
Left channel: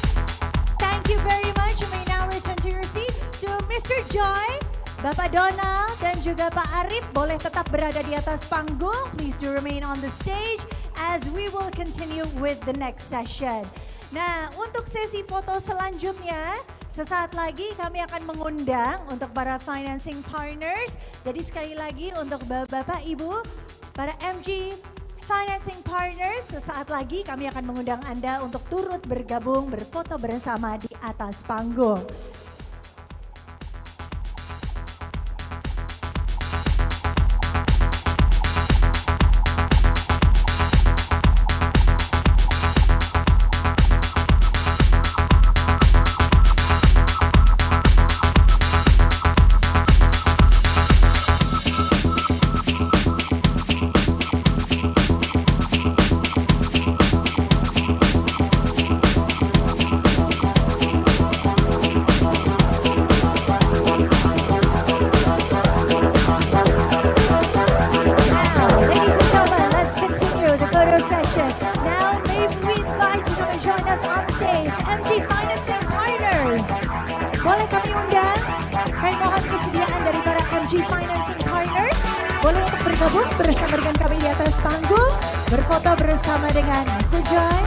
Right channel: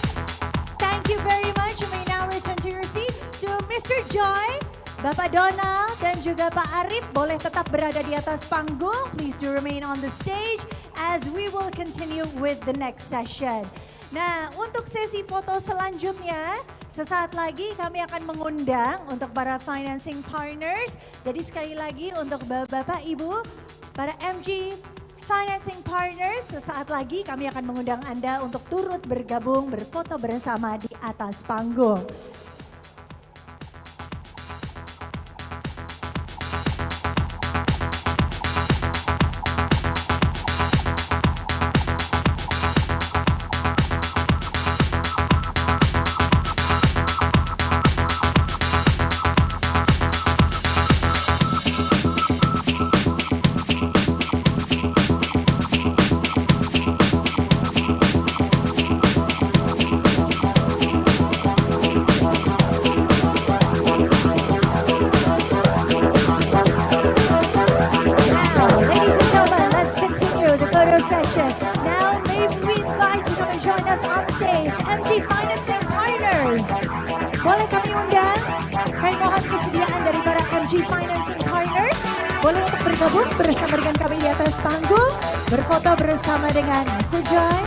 thank you very much. You may now return to your seat. To Mr. Joy, Bapak Donald dan juga Pak Arif boleh tetap berada di atas panggung. Please do remain on the stage as we will continue with the next session. Nah, untuk sesi foto selanjutnya, sesaat lagi kami akan mengundang untuk para financing partners. Jadi sekali lagi untuk Bapak Ibu, para MG Financing Partners, sesaat lagi kami akan mengundang Anda untuk turut bergabung berfoto bersama di atas panggung. Boleh kami undang, kami mohon kesediaan dari para MG Financing Partners. Boleh untuk bergabung bersama dengan kami di atas panggung. Berfoto bersama dengan Mr. Joy,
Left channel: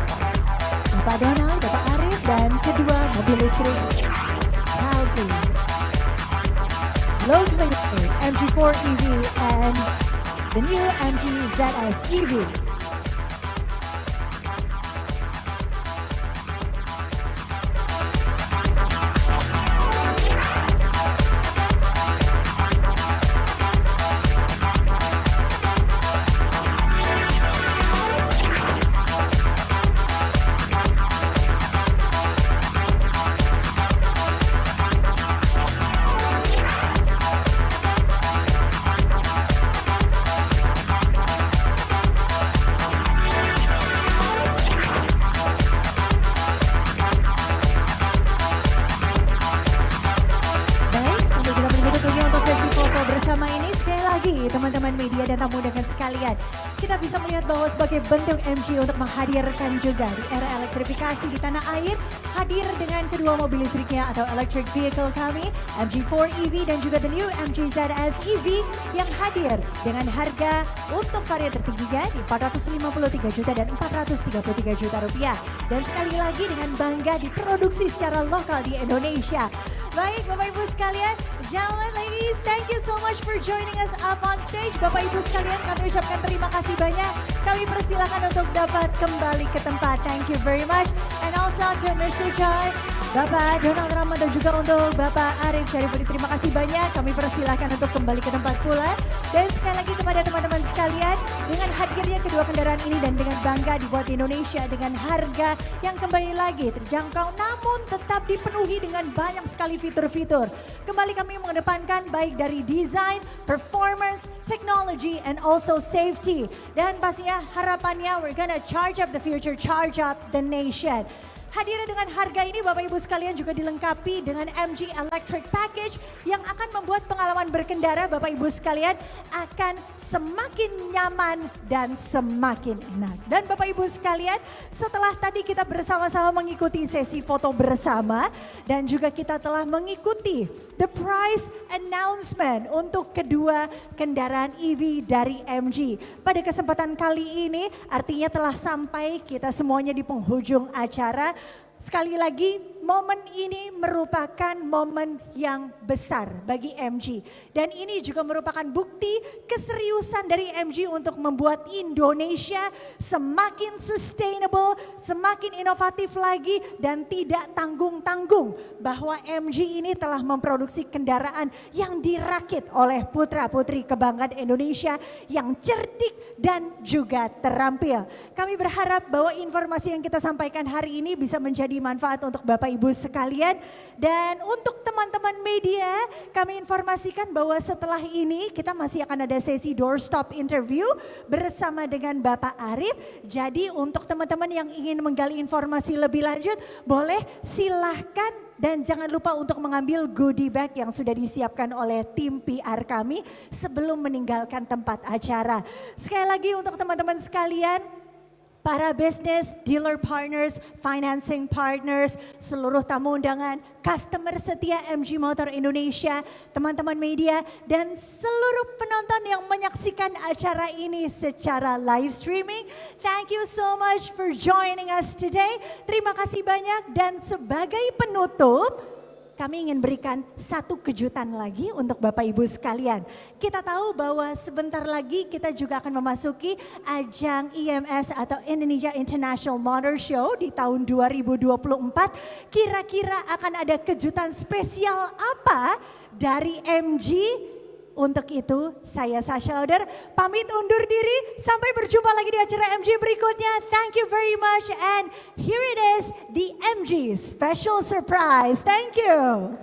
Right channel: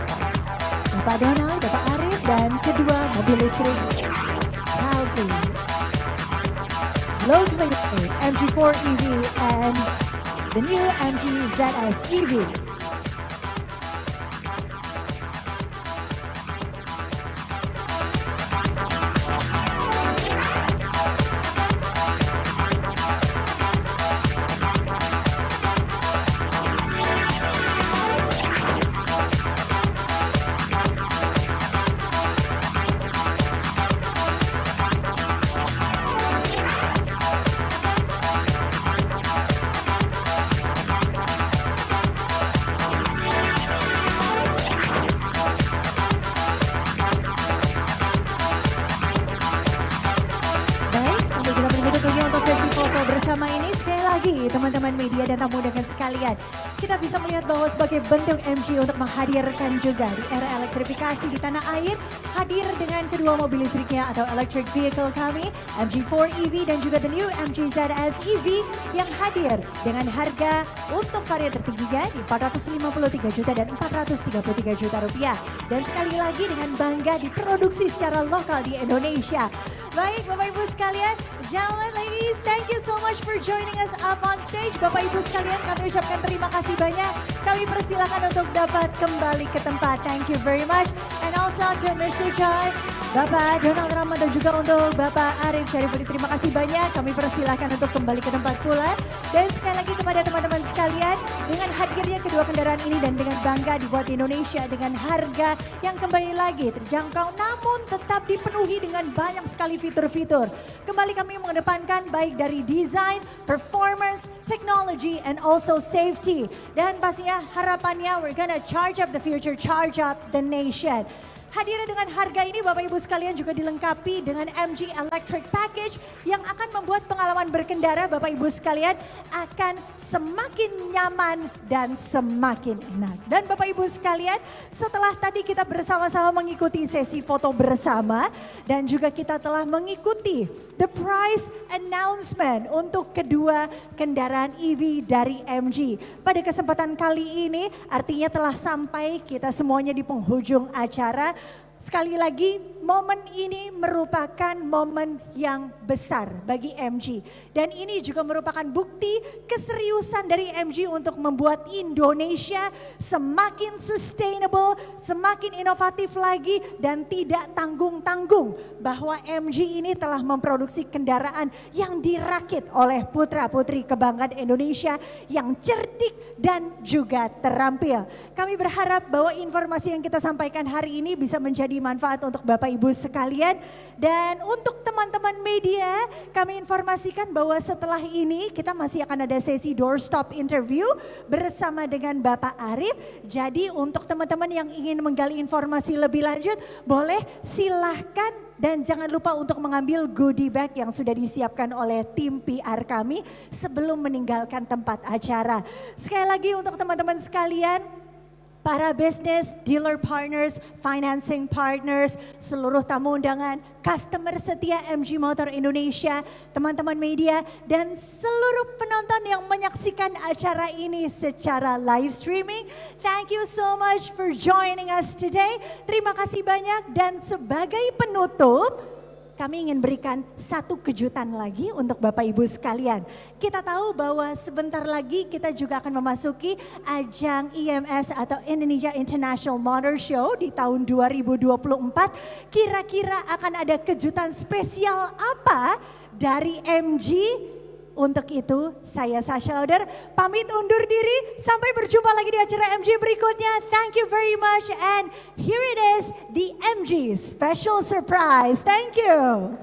Bapak Donald, Bapak Arif, dan kedua mobil listrik proudly locally MG4 EV and the new MG ZS EV. Teman-teman media dan tamu undangan sekalian, kita bisa melihat bahwa sebagai bentuk MG untuk menghadirkan juga di era elektrifikasi di tanah air, hadir dengan kedua mobil listriknya atau electric vehicle kami, MG4 EV dan juga the new MG ZS EV yang hadir dengan harga untuk varian tertingginya di 453 juta dan 433 juta rupiah. Dan sekali lagi dengan bangga diproduksi secara lokal di Indonesia. Baik Bapak Ibu sekalian, gentlemen, ladies, thank you so much for joining us up on stage. Bapak Ibu sekalian, kami ucapkan terima kasih banyak. Kami persilakan untuk dapat kembali ke tempat. Thank you very much. And also to Mr. Joy, Bapak Donald Rahmat dan juga untuk Bapak Arif Syarifudin, terima kasih banyak. Kami persilakan untuk kembali ke tempat pula. Dan sekali lagi kepada teman-teman sekalian, dengan hadirnya kedua kendaraan ini dan dengan bangga dibuat di Indonesia dengan harga yang kembali lagi terjangkau namun tetap dipenuhi dengan banyak sekali fitur-fitur. Kembali kami mengedepankan baik dari desain, performance, technology, and also safety. Dan pastinya harapannya we're gonna charge up the future, charge up the nation. Hadirnya dengan harga ini Bapak Ibu sekalian juga dilengkapi dengan MG Electric Package yang akan membuat pengalaman berkendara Bapak Ibu sekalian akan semakin nyaman dan semakin enak. Dan Bapak Ibu sekalian, setelah tadi kita bersama-sama mengikuti sesi foto bersama dan juga kita telah mengikuti the price announcement untuk kedua kendaraan EV dari MG. Pada kesempatan kali ini artinya telah sampai kita semuanya di penghujung acara. Sekali lagi, momen ini merupakan momen yang besar bagi MG. Dan ini juga merupakan bukti keseriusan dari MG untuk membuat Indonesia semakin sustainable, semakin inovatif lagi, dan tidak tanggung-tanggung bahwa MG ini telah memproduksi kendaraan yang dirakit oleh putra-putri kebanggaan Indonesia yang cerdik dan juga terampil. Kami berharap bahwa informasi yang kita sampaikan hari ini bisa menjadi manfaat untuk Bapak Ibu sekalian. Dan untuk teman-teman media, kami informasikan bahwa setelah ini kita masih akan ada sesi doorstop interview bersama dengan Bapak Arif. Jadi untuk teman-teman yang ingin menggali informasi lebih lanjut, boleh silahkan dan jangan lupa untuk mengambil goodie bag yang sudah disiapkan oleh tim PR kami sebelum meninggalkan tempat acara. Sekali lagi untuk teman-teman sekalian, para business, dealer partners, financing partners, seluruh tamu undangan, customer setia MG Motor Indonesia, teman-teman media, dan seluruh penonton yang menyaksikan acara ini secara live streaming. Thank you so much for joining us today. Terima kasih banyak dan sebagai penutup, kami ingin berikan satu kejutan lagi untuk Bapak Ibu sekalian. Kita tahu bahwa sebentar lagi kita juga akan memasuki ajang IMS atau Indonesia International Motor Show di tahun 2024. Kira-kira akan ada kejutan spesial apa dari MG? Untuk itu saya Sasha Lauder pamit undur diri. Sampai berjumpa lagi di acara MG berikutnya. Thank you very much and here it is the MG special surprise. Thank you.